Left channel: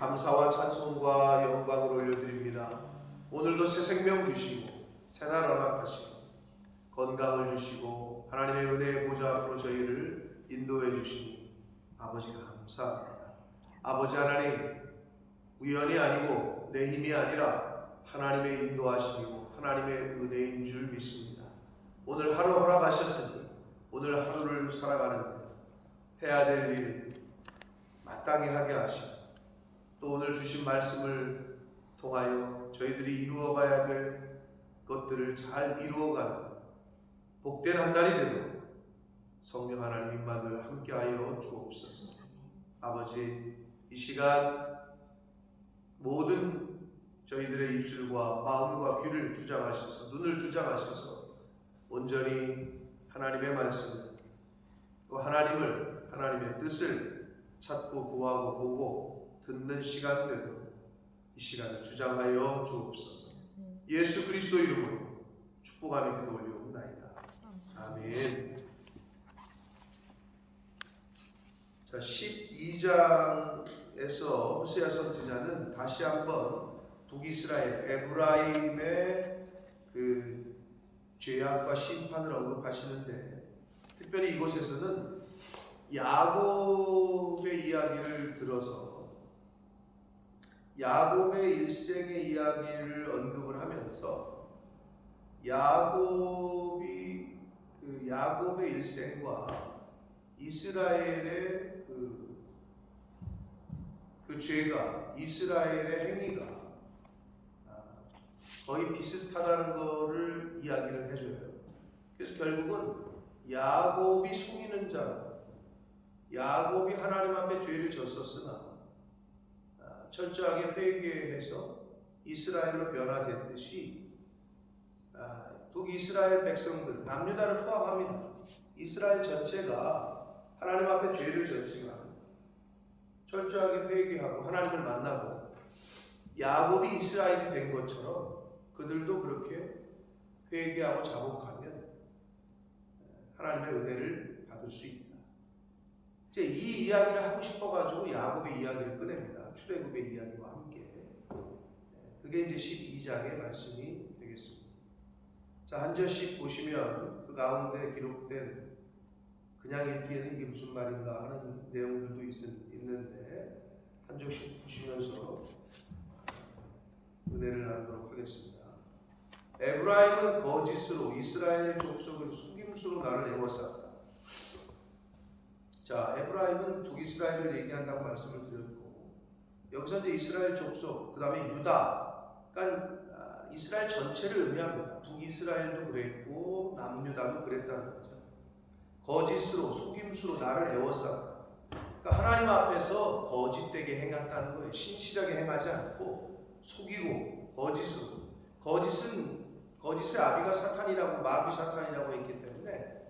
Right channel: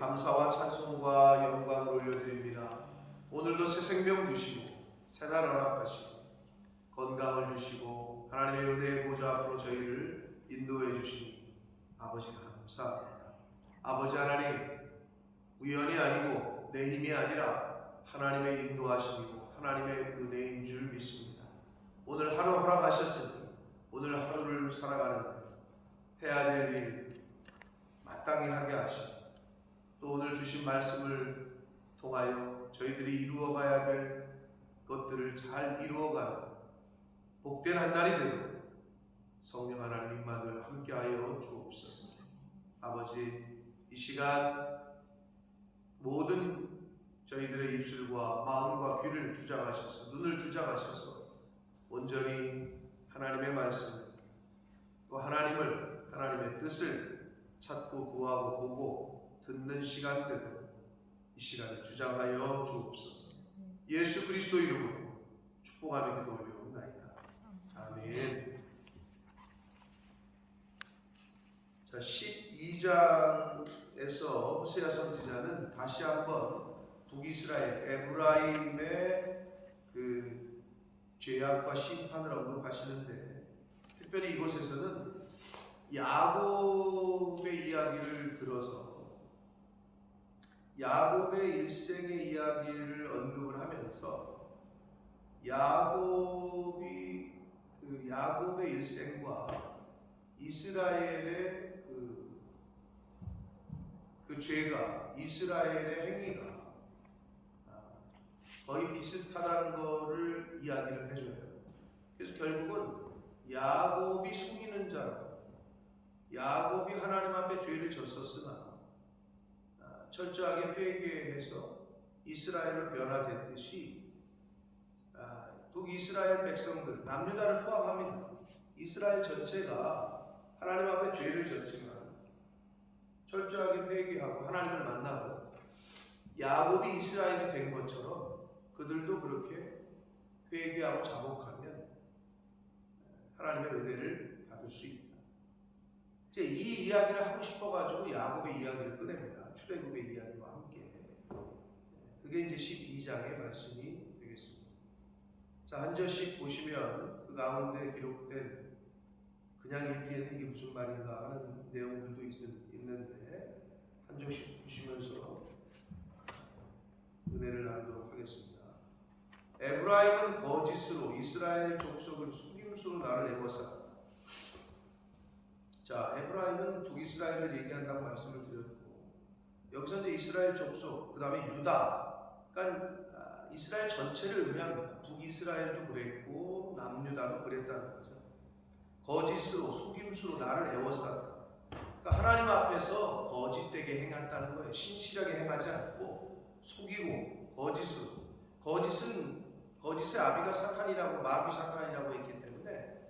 감사와 찬송과 영광을 올려드립니다. 오늘도 새 생명 주시고 새날 허락하시고 건강을 주시고 하나님의 은혜의 보좌 앞으로 저희를 인도해 주시니 아버지 감사합니다. 아버지 하나님, 우연이 아니고 내 힘이 아니라 하나님의 인도하심이고 하나님의 은혜인 줄 믿습니다. 오늘 하루 허락하셨으니 오늘 하루를 살아가는데 해야 될 일 마땅히 하게 하시고 또 오늘 주신 말씀을 통하여 저희들이 이루어가야 될 것들을 잘 이루어가는 복된 한 날이 되도록 성령 하나님 임마누엘 함께하여 주옵소서. 아버지, 이 시간 모든 저희들의 입술과 마음과 귀를 주장하셔서 눈을 주장하셔서 온전히 하나님의 말씀을 또 하나님의 뜻을 찾고 구하고 보고 듣는 시간 되도록 이 시간을 주장하여 주옵소서. 예수 그리스도 이름으로 축복하며 기도 올려옵나이다. 아멘. 자, 12장에서 호세아 선지자는 다시 한번 북이스라엘 에브라임의 그 죄악과 심판을 언급하시는데, 특별히 이곳에서는 야곱의 이야기를 들어서 야곱의 일생의 이야기를 언급을 하면서 야곱의 일생과 이스라엘의 그 죄가, 이스라엘의 행위가 거의 비슷하다는 것을 이야기를 해줘요. 그래서 결국은 야곱이 속이는 자로, 야곱이 하나님 앞에 죄를 졌었으나 철저하게 회개해서 이스라엘로 변화됐듯이 북이스라엘 백성들, 남유다를 포함합니다. 이스라엘 전체가 하나님 앞에 죄를 졌지만 철저하게 회개하고 하나님을 만나고 야곱이 이스라엘이 된 것처럼 그들도 그렇게 회개하고 자복하면 하나님의 은혜를 받을 수 있다. 이제 이 이야기를 하고 싶어가지고 야곱의 이야기를 꺼냅니다. 출애굽의 이야기와 함께. 그게 이제 12장의 말씀이 되겠습니다. 자, 한 절씩 보시면 그 가운데 기록된, 그냥 읽기에는 이게 무슨 말인가 하는 내용들도 있는데 한 절씩 보시면서 은혜를 나누도록 하겠습니다. 에브라임은 거짓으로 이스라엘 족속을 속임수로 나를 애워쌌다. 자, 에브라임은 북이스라엘을 얘기한다고 말씀을 드렸고, 여기서 이제 이스라엘 족속, 그 다음에 유다, 그러니까 이스라엘 전체를 의미합니다. 북이스라엘도 그랬고 남유다도 그랬다는 거죠. 거짓으로, 속임수로 나를 애워쌌다. 그러니까 하나님 앞에서 거짓되게 행했다는 거예요. 신실하게 행하지 않고 속이고 거짓으로. 거짓의 아비가 사탄이라고, 마귀 사탄이라고 했기 때문에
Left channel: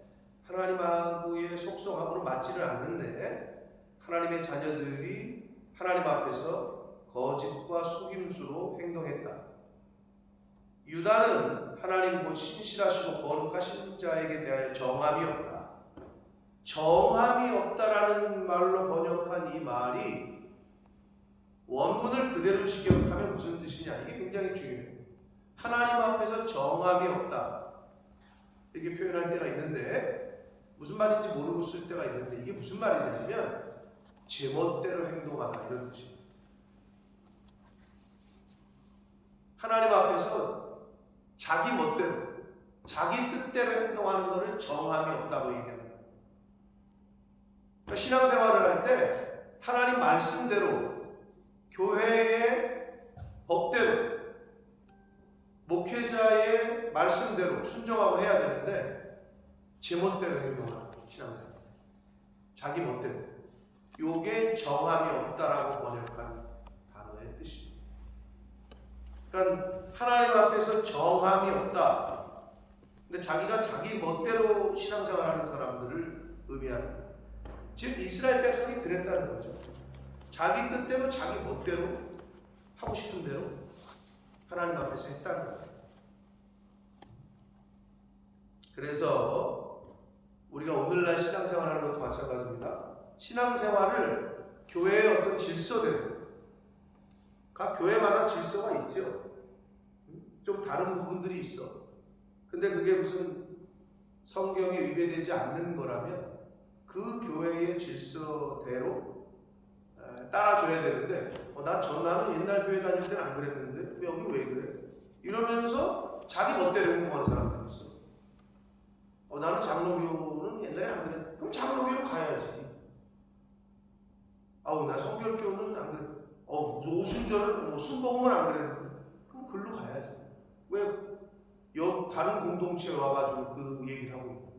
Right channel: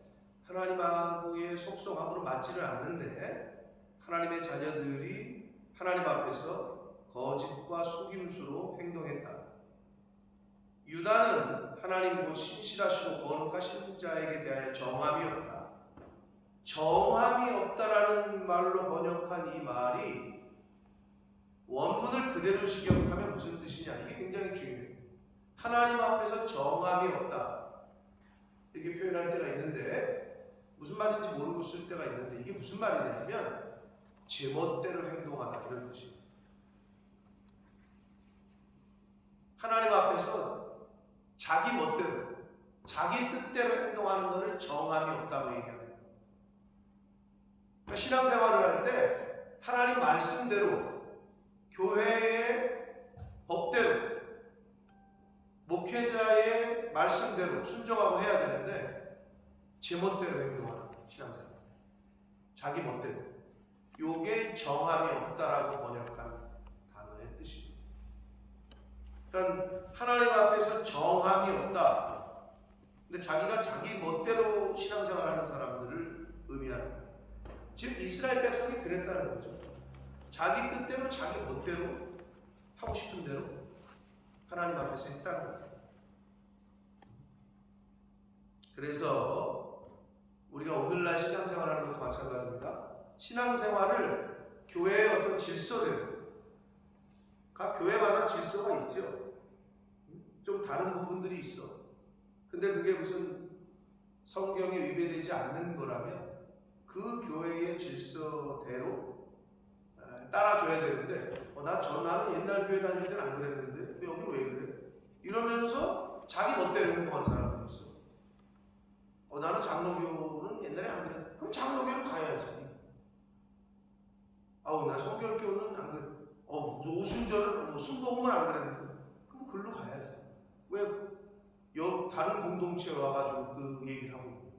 하나님하고의 속성함으로 맞지를 않는데 하나님의 자녀들이 하나님 앞에서 거짓과 속임수로 행동했다. 유다는 하나님 곧 신실하시고 거룩하신 자에게 대하여 정함이 없다. 정함이 없다라는 말로 번역한 이 말이 원문을 그대로 직역하면 무슨 뜻이냐, 이게 굉장히 중요해요. 하나님 앞에서 정함이 없다 이렇게 표현할 때가 있는데, 무슨 말인지 모르고 쓸 때가 있는데, 이게 무슨 말이냐면 제멋대로 행동하다 이런 뜻입니다. 하나님 앞에서 자기 멋대로, 자기 뜻대로 행동하는 것을 정함이 없다고 얘기합니다. 그러니까 신앙생활을 할 때 하나님 말씀대로, 교회의 법대로, 목회자의 말씀대로 순종하고 해야 되는데 제멋대로 행동하는 신앙생활, 자기 멋대로, 요게 정함이 없다라고 번역한 단어의 뜻입니다. 그러니까 하나님 앞에서 정함이 없다. 근데 자기가 자기 멋대로 신앙생활하는 사람들을 의미하는 거예요. 즉 이스라엘 백성이 그랬다는 거죠. 자기 뜻대로, 자기 멋대로, 하고 싶은 대로 하나님 앞에서 했다는 거예요. 그래서 우리가 오늘날 신앙생활하는 것도 마찬가지입니다. 신앙생활을 교회의 어떤 질서대로, 각 교회마다 질서가 있죠. 좀 다른 부분들이 있어. 근데 그게 무슨 성경에 위배되지 않는 거라면 그 교회의 질서대로 따라줘야 되는데 나는 옛날 교회 다닐 때는 안 그랬는데 왜 여기 왜 그래? 이러면서 자기 멋대로 행동하는 사람들이 있어. 나는 장로교는 옛날에 안 그랬는데 그럼 장로교로 가야지. 나 성결교는 안 그래. 오순절을 순복음을 안 그랬는데 그럼 글로 가야지. 왜 다른 공동체에 와가지고 그 얘기를 하고 있는?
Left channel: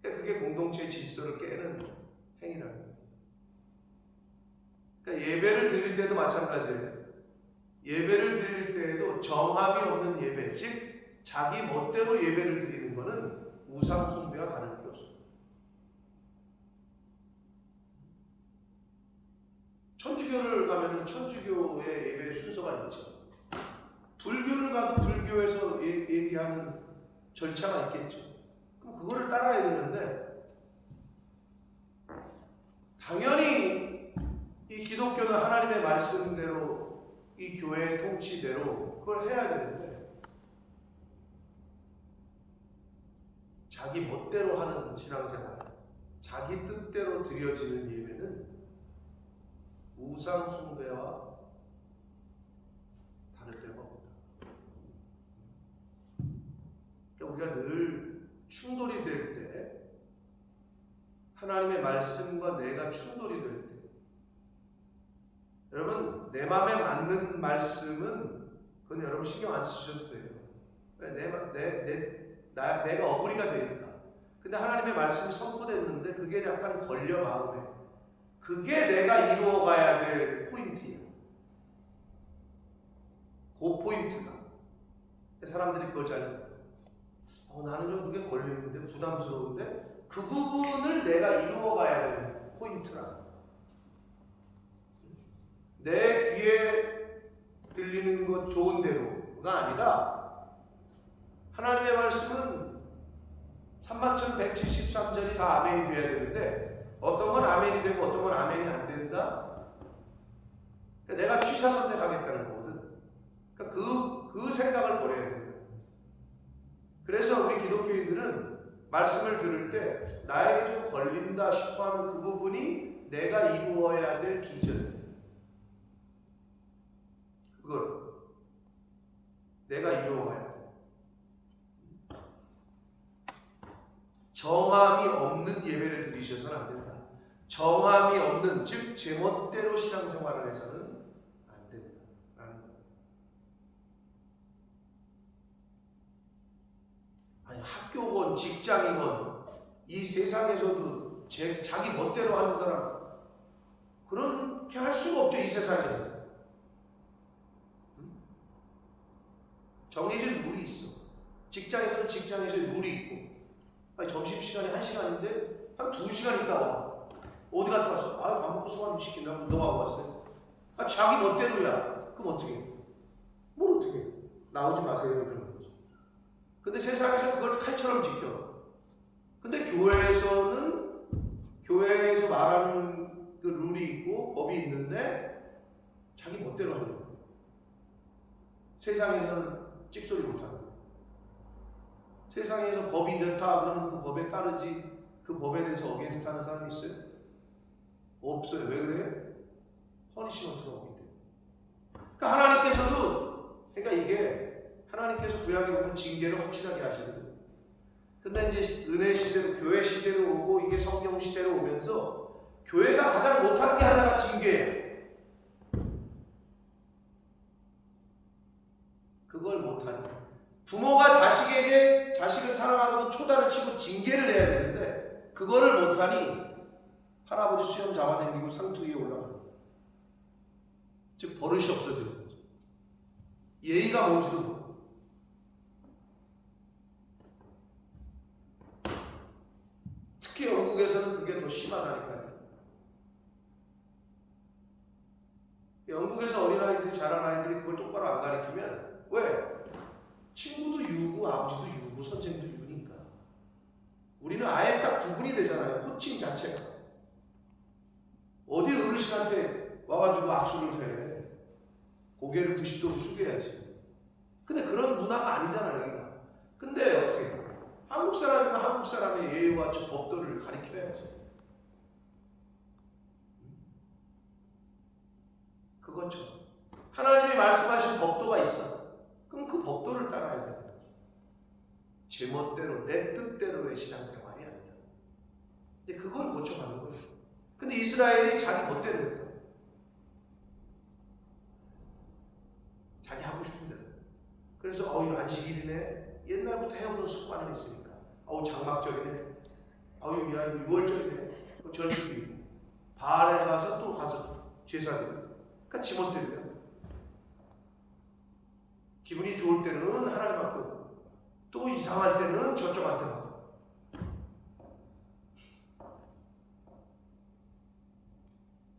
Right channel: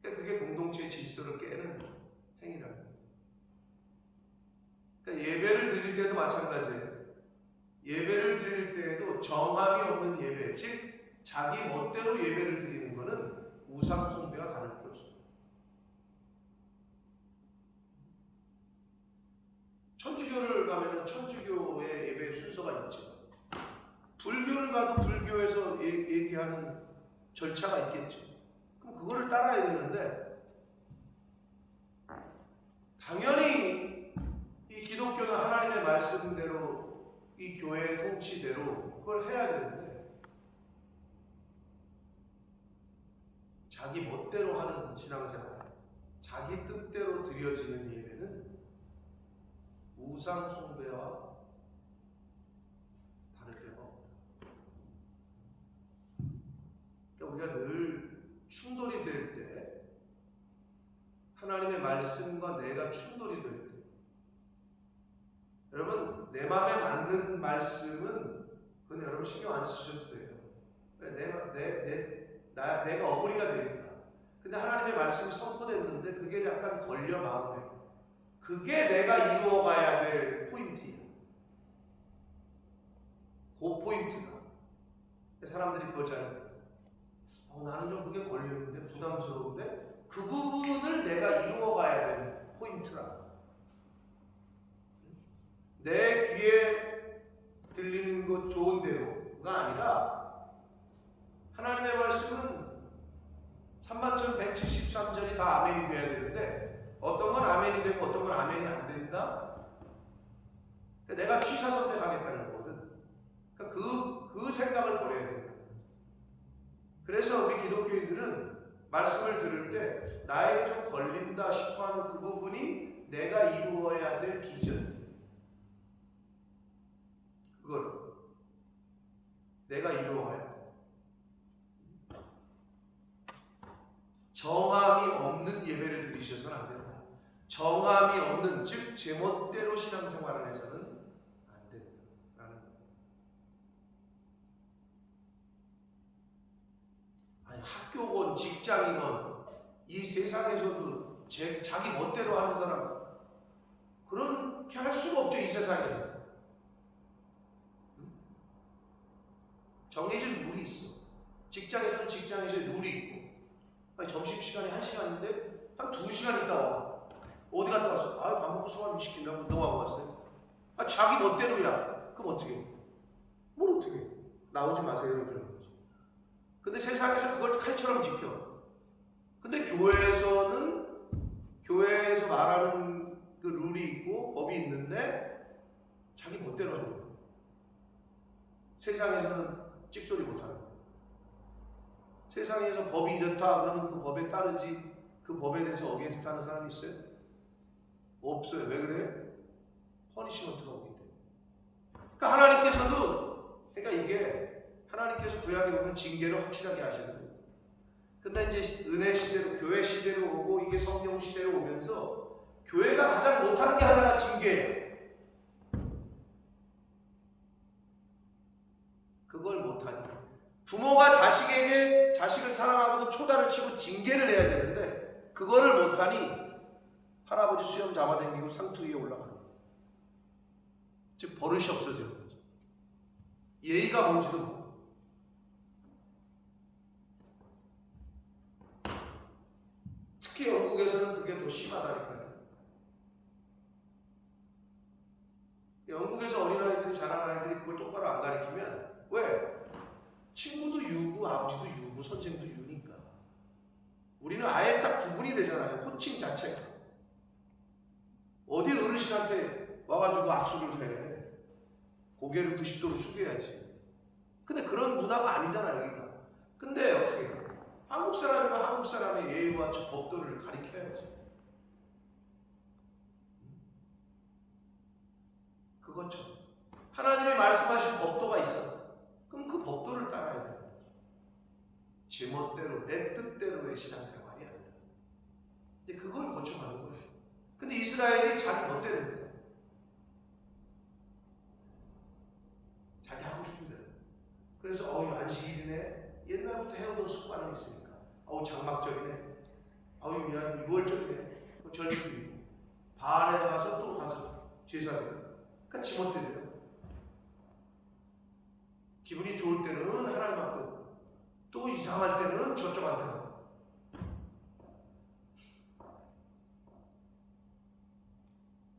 그러니까 그게 공동체의 질서를 깨는 행위라는 거예요. 그러니까 예배를 드릴 때도 마찬가지예요. 예배를 드릴 때에도 정함이 없는 예배, 즉 자기 멋대로 예배를 드리는 것은 우상 숭배와 다를 게 없습니다. 천주교를 가면은 천주교의 예배 순서가 있죠. 불교를 가도 불교에서 얘기하는 절차가 있겠죠. 그럼 그거를 따라야 되는데 당연히 이 기독교는 하나님의 말씀대로 이 교회의 통치대로 그걸 해야 되는데 자기 멋대로 하는 신앙생활, 자기 뜻대로 드려지는 예배는 우상 숭배와 다를 데가 없다. 그러니까 우리가 늘 충돌이 될 때, 하나님의 말씀과 내가 충돌이 될 때, 여러분 내 마음에 맞는 말씀은 그건 여러분 신경 안 쓰셔도 돼요. 내가 어부리가 되니까. 근데 하나님의 말씀이 선포됐는데 그게 약간 걸려 마음에. 그게 내가 이루어가야 될 포인트야. 그 포인트가. 사람들이 그걸 잘 나는 좀 그게 걸리는데 부담스러운데 그 부분을 내가 이루어가야 되는 포인트라. 내 귀에 들리는 것 좋은 대로가 아니라 하나님의 말씀은 31,173절이 다 아멘이 돼야 되는데 어떤 건 아멘이 되고 어떤 건 아멘이 안 된다. 그러니까 내가 취사 선택하겠다는 거거든. 그러니까 그 생각을 버려야 된다. 그래서 우리 기독교인들은 말씀을 들을 때 나에게 좀 걸린다 싶어하는 그 부분이 내가 이루어야 될 비전. 그걸 내가 이루어가야 돼. 정함이 없는 예배를 드리셔서는 안 된다. 정함이 없는, 즉 제멋대로 신앙생활을 해서는 안 된다라는 거예요. 아니 학교건 직장이건 이 세상에서도 자기 멋대로 하는 사람 그렇게 할 수가 없죠. 이 세상에서 정해진 룰이 있어. 직장에서는 직장에서의 룰이 있고 아니 점심시간이 1시간인데 한 2시간 있다 와. 어디 갔다 왔어? 밥 먹고 소화좀 시킨다고 너 하고 왔어요? 자기 멋대로야. 그럼 어떻게 해? 뭘 어떻게 해? 나오지 마세요 이러는 거지. 근데 세상에서 그걸 칼처럼 지켜. 근데 교회에서 말하는 그 룰이 있고 법이 있는데 자기 멋대로 하는 거야. 세상에서는 찍소리 못하는 거야. 세상에서 법이 이렇다 그러면 그 법에 따르지 그 법에 대해서 어게인스트 하는 사람이 있어요? 없어요. 왜 그래? 퍼니시먼트가 오기 때문에. 그러니까 하나님께서도 이게 하나님께서 구약에 보면 징계를 확실하게 하시거든요. 근데 이제 은혜 시대로 교회 시대로 오고 이게 성령 시대로 오면서 교회가 가장 못하는 게 하나가 징계예요. 그걸 못하니 부모가 자식을 사랑하고 초다를 치고 징계를 해야 되는데 그거를 못하니 할아버지 수염 잡아당기고 상투 위에 올라가는 거예요. 즉 버릇이 없어지는 거죠. 예의가 뭔지도 모르고. 특히 영국에서는 그게 더 심하다니까요. 영국에서 어린아이들이 자란 아이들이 그걸 똑바로 안 가르치면 왜? 친구도 유고 아버지도 유고 선생도 유니까. 우리는 아예 딱 구분이 되잖아요. 호칭 자체가. 어르신한테 와가지고 악수를 해. 고개를 90도로 숙여야지. 근데 그런 문화가 아니잖아 여기가. 근데 어떻게 한국 사람이면 한국 사람의 예의와 법도를 가리켜야지. 그것처럼 하나님이 말씀하신 법도가 있어. 그럼 그 법도를 따라야 되는 거죠. 제 멋대로 내 뜻대로의 신앙생활이 아니라. 근데 그걸 고쳐가는 거예요. 근데 이스라엘이 자기 멋대로 했다. 자기 하고 싶은 대로. 그래서 이거 안식일이네. 옛날부터 해오던 습관은 있으니까. 장막절이네. 야 이거 6월절이네. 그 절기도 바알에 가서 또 가서 제사드려. 그러니까 지 멋대로요. 기분이 좋을 때는 하나님 앞에 오고 또 이상할 때는 저쪽한테 가고.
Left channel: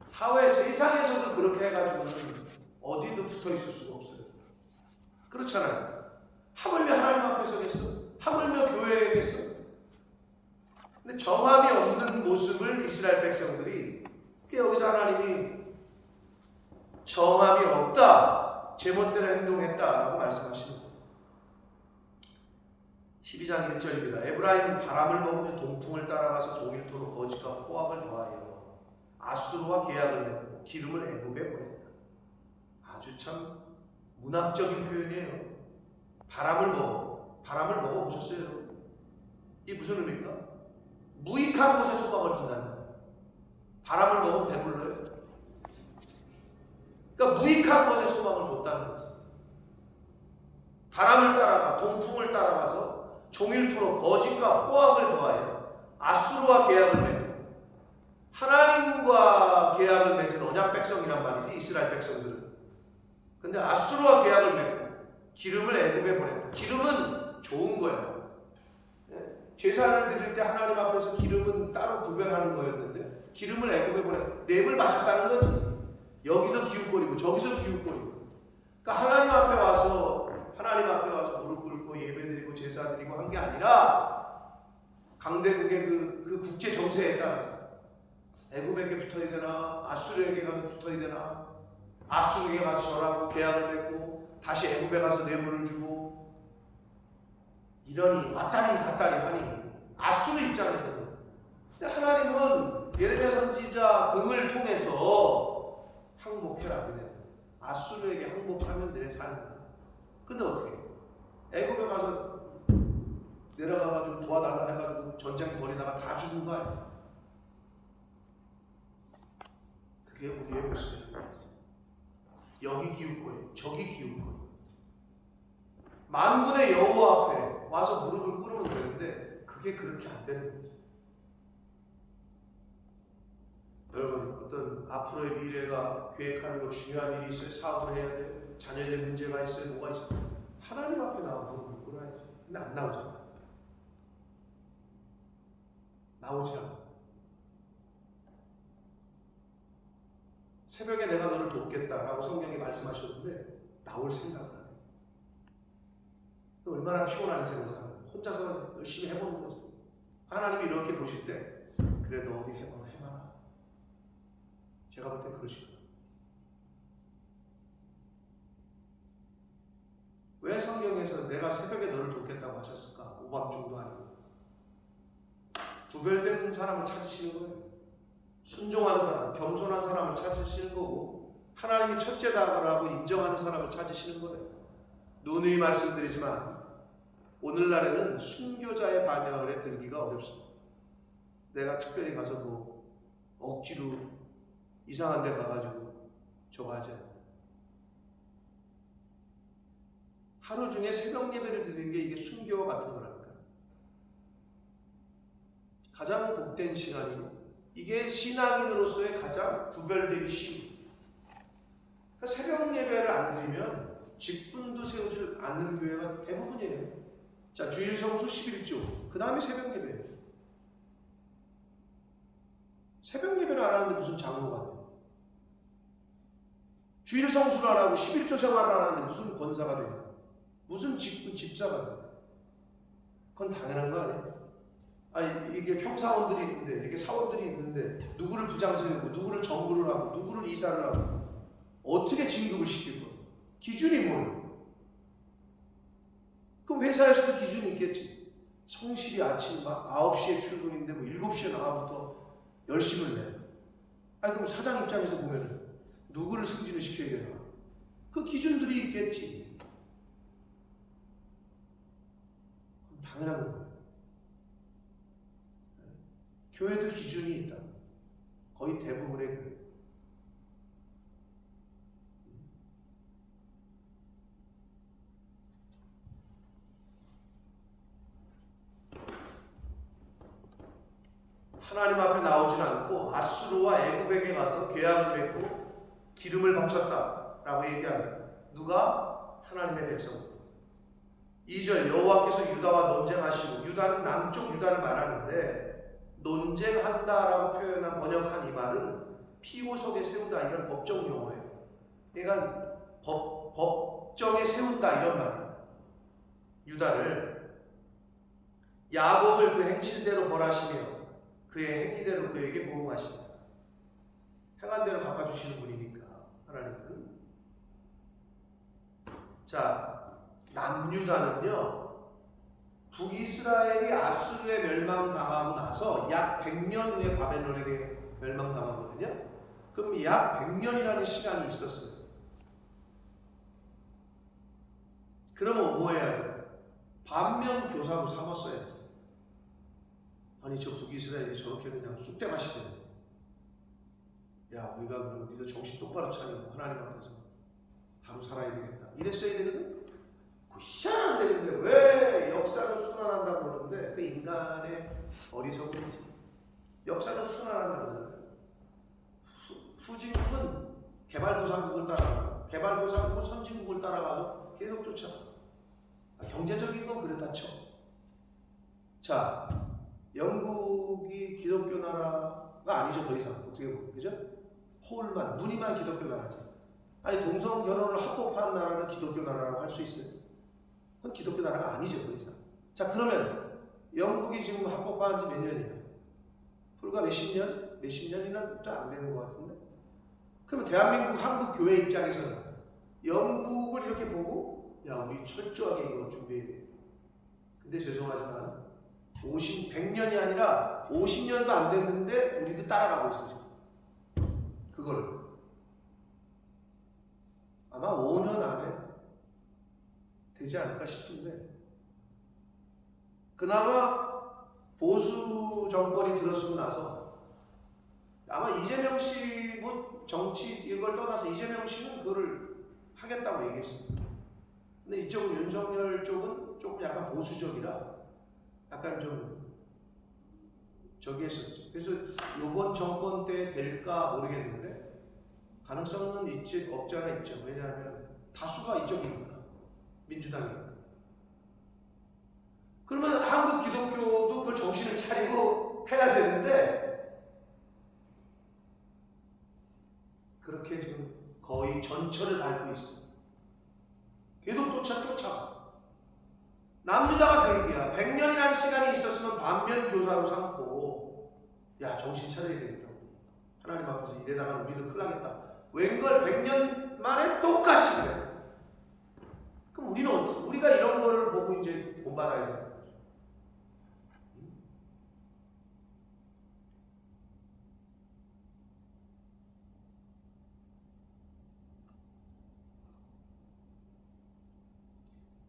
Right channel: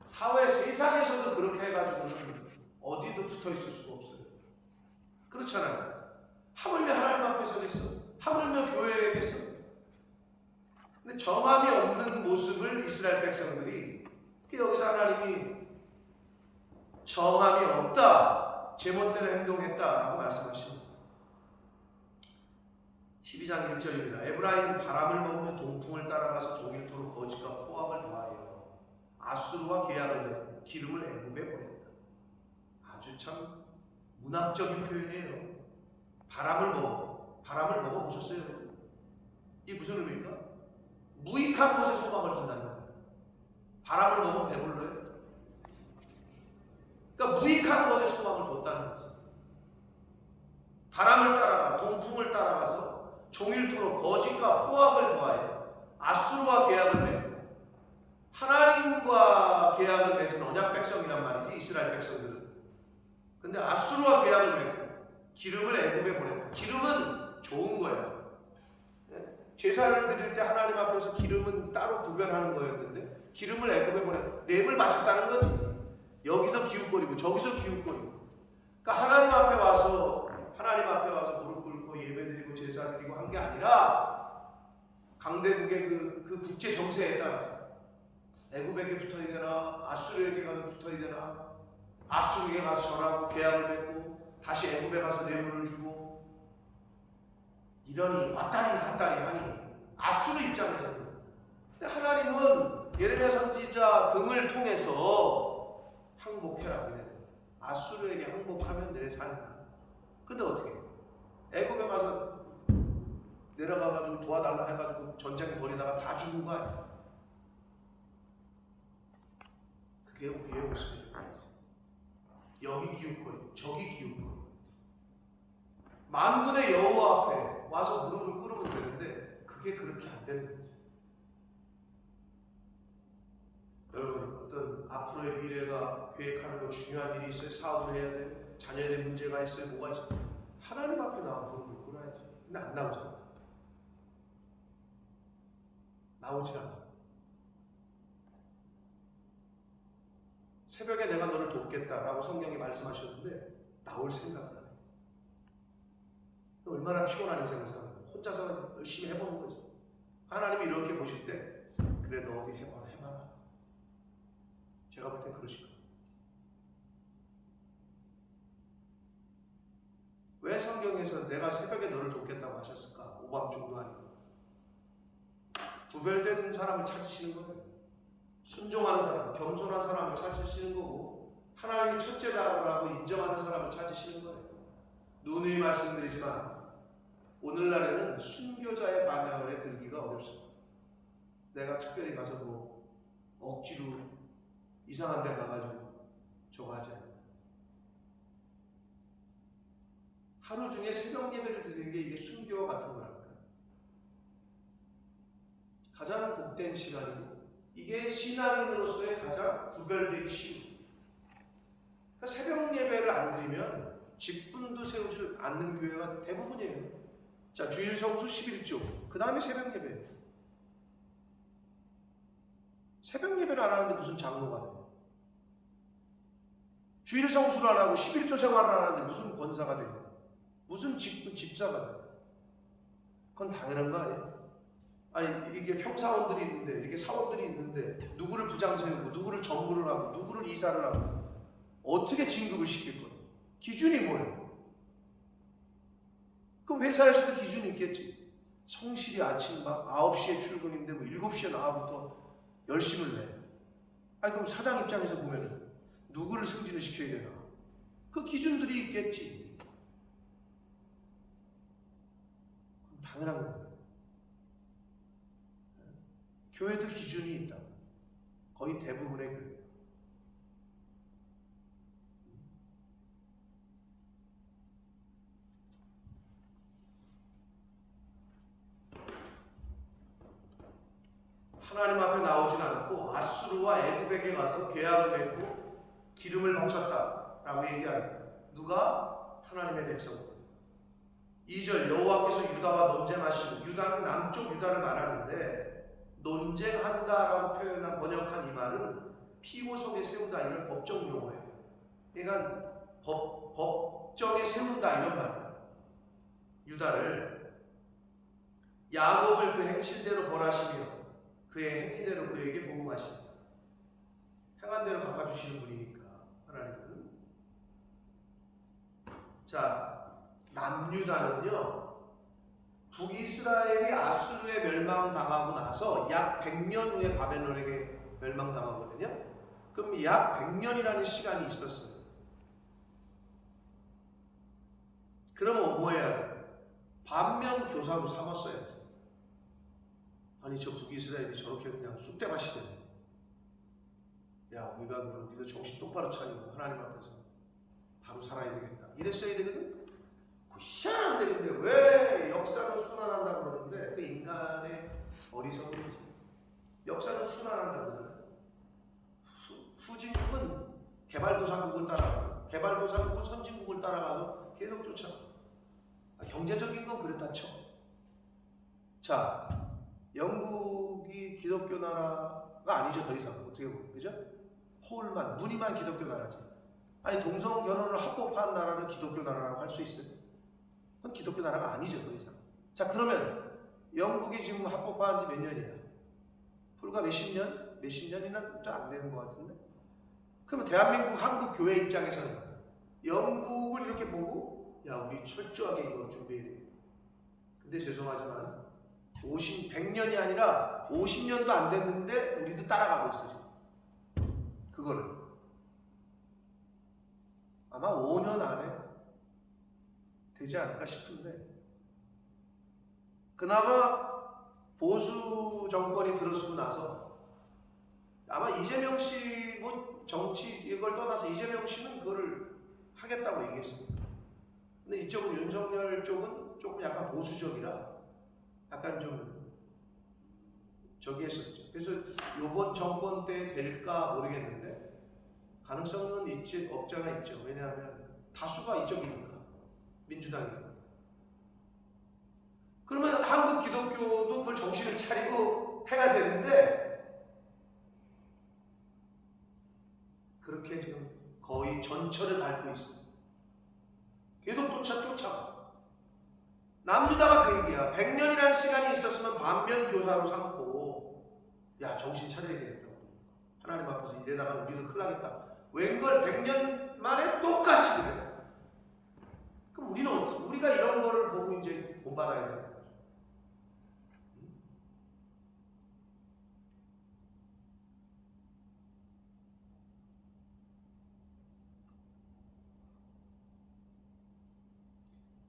사회 세상에서도 그렇게 해가지고는 어디도 붙어 있을 수가 없어요. 그렇잖아요. 하물며 하나님 앞에 서겠어? 하물며 교회에겠어? 근데 정함이 없는 모습을 이스라엘 백성들이, 여기서 하나님이 정함이 없다, 제멋대로 행동했다라고 말씀하시는 거예요. 12장 1절입니다. 에브라임은 바람을 먹으며 동풍을 따라가서 종일토록 거짓과 포악을 더하여 아수르와 계약을 맺고 기름을 애굽에 보냈다. 아주 참 문학적인 표현이에요. 바람을 먹어보셨어요 여러분? 이게 무슨 의미입니까? 무익한 곳에 소망을 둔다는 거예요. 바람을 먹으면 배불러요. 그러니까 무익한 곳에 소망을 뒀다는 거죠. 바람을 따라가 동풍을 따라가서 종일토록 거짓과 포악을 더하여 아수르와 계약을 맺고, 하나님과 계약을 맺은 언약 백성이란 말이지 이스라엘 백성들은. 근데 아수르와 계약을 맺고 기름을 애굽에 보냈다. 기름은 좋은 거야. 제사를 드릴 때 하나님 앞에서 기름은 따로 구별하는 거였는데 기름을 애굽에 보냈다. neb을 바쳤다는 거지. 여기서 기웃거리고 저기서 기웃거리고. 그러니까 하나님 앞에 와서 무릎 꿇고 예배드리고 제사드리고 한 게 아니라 강대국의 그 국제 정세에 따라서 애굽에게 붙어야 되나 아수르에게 가서 붙어야 되나, 아수르에게 가서 절하고 계약을 맺고 다시 애굽에 가서 뇌물을 주고 이러니 왔다리 갔다리 하니 아수르 입장에서는. 근데 하나님은 예레미야 선지자 등을 통해서 항복해라. 아수르에게 항복하면 내 삶이다. 근데 어떻게 애굽에 가서 내려가가지고 도와달라 해가지고 전쟁 벌이다가 다 죽은 거 아니야. 그게 우리의 모습이라는 거지. 여기 기웃거리고 저기 기웃거리고. 만군의 여호와 앞에 와서 무릎을 꿇으면 되는데 그게 그렇게 안 되는 거지. 여러분, 어떤 앞으로의 미래가 계획하는 거 중요한 일이 있어요. 사업을 해야 돼. 자녀의 문제가 있어요. 뭐가 있어요. 하나님 앞에 나와 무릎을 꿇어야지. 근데 안 나오잖아. 나오지 않아. 새벽에 내가 너를 돕겠다라고 성경이 말씀하셨는데 나올 생각을 안 해. 얼마나 피곤한 인생을 사는 거야. 혼자서 열심히 해보는 거지. 하나님이 이렇게 보실 때 그래 너 어디 해봐라. 제가 볼 땐 그러실 거예요. 왜 성경에서 내가 새벽에 너를 돕겠다고 하셨을까? 오밤중도 아니고. 구별된 사람을 찾으시는 거예요. 순종하는 사람, 겸손한 사람을 찾으시는 거고, 하나님이 첫째다라고 인정하는 사람을 찾으시는 거예요. 누누이 말씀드리지만 오늘날에는 순교자의 반열에 들기가 어렵습니다. 내가 특별히 가서 억지로 이상한 데 가가지고 저거 하지 않아요. 하루 중에 새벽 예배를 드리는 게 이게 순교와 같은 거라니까. 가장 복된 시간이고 이게 신앙인으로서의 가장 구별되기 쉬운. 그러니까 새벽 예배를 안 드리면 직분도 세우지 않는 교회가 대부분이에요. 자, 주일 성수 11조, 그 다음에 새벽 예배. 새벽 예배를 안 하는데 무슨 장로가 돼요? 주일 성수를 안 하고 11조 생활을 안 하는데 무슨 권사가 돼요? 무슨 직분, 집사가 돼요? 그건 당연한 거 아니에요? 아니 이게 평사원들이 있는데 이렇게 사원들이 있는데 누구를 부장 세우고 누구를 정부를 하고 누구를 이사를 하고 어떻게 진급을 시킬 거야? 기준이 뭐예요? 그럼 회사에서도 기준이 있겠지. 성실히 아침 막 9시에 출근인데 뭐 7시에 나와부터 열심을 내. 아니 그럼 사장 입장에서 보면은 누구를 승진을 시켜야 되나? 그 기준들이 있겠지. 그럼 당연한 거예요. 교회도 기준이 있다. 거의 대부분의 교회. 하나님 앞에 나오진 않고 아수르와 애굽에게 가서 계약을 맺고 기름을 바쳤다라고 얘기합니다. 누가? 하나님의 백성. 2절 여호와께서 유다와 논쟁하시고, 유다는 남쪽 유다를 말하는데 논쟁한다라고 표현한 번역한 이 말은 피고석에 세우다 이런 법정 용어예요. 그러니까 법정에 세운다 이런 말이에요. 유다를 야곱을 그 행실대로 벌하시며 그의 행위대로 그에게 보응하신다. 행한 대로 갚아주시는 분이니까 하나님은. 자, 남유다는요, 북이스라엘이 아수르에 멸망당하고 나서 약 100년 후에 바벨론에게 멸망당하거든요. 그럼 약 100년이라는 시간이 있었어요. 그러면 뭐 해야 돼요? 반면 교사로 삼았어야지. 아니 저 북이스라엘이 저렇게 그냥 쑥대밭이 되네. 야 우리가 그럼 우리도 정신 똑바로 차리고 하나님 앞에서 바로 살아야 되겠다. 이랬어야 되거든. 그 희한한데 근데 왜 역사는 순환한다고 그러는데 그 인간의 어리석음이지. 역사는 순환한다고 그러잖아요. 후진국은 개발도상국을 따라가고 개발도상국은 선진국을 따라가서 계속 쫓아가. 경제적인 건 그랬다 쳐. 자, 영국이 기독교 나라가 아니죠. 더 이상 어떻게 보면 그죠? 홀만 무늬만 기독교 나라지. 아니 동성 결혼을 합법화한 나라를 기독교 나라라고 할 수 있어요? 그건 기독교 나라가 아니죠. 더 이상. 자 그러면 영국이 지금 합법화한 지 몇 년이야? 불과 몇십 년? 몇십 년이나 또 안 되는 것 같은데? 그러면 대한민국 한국 교회 입장에서는 영국을 이렇게 보고 야 우리 철저하게 이거 준비해야 돼. 근데 죄송하지만 100년이 아니라 50년도 안 됐는데 우리도 따라가고 있어 지금. 그거를 아마 5년 안에 되지 않을까 싶은데, 그나마 보수 정권이 들어서고 나서 아마 이재명 씨 뭐 정치 이걸 떠나서 이재명 씨는 그거를 하겠다고 얘기했습니다. 근데 이쪽은 윤석열 쪽은 조금 약간 보수적이라 약간 좀 저기 했었죠. 그래서 이번 정권 때 될까 모르겠는데 가능성은 있지 없지 않아 있죠. 왜냐하면 다수가 이쪽이니까, 민주당이니까. 그러면 한국 기독교도 그걸 정신을 차리고 해야 되는데 그렇게 지금 거의 전철을 밟고 있어. 계속 쫓아가. 남유다가 그 얘기야. 100년이라는 시간이 있었으면 반면 교사로 삼고 야 정신 차려야 되겠다고. 하나님 앞에서 이래다가 우리도 큰일 나겠다. 웬걸 100년 만에 똑같이 그래. 그럼 우리는 어떻게, 우리가 이런 거를 보고 이제 본받아야 되는 거죠.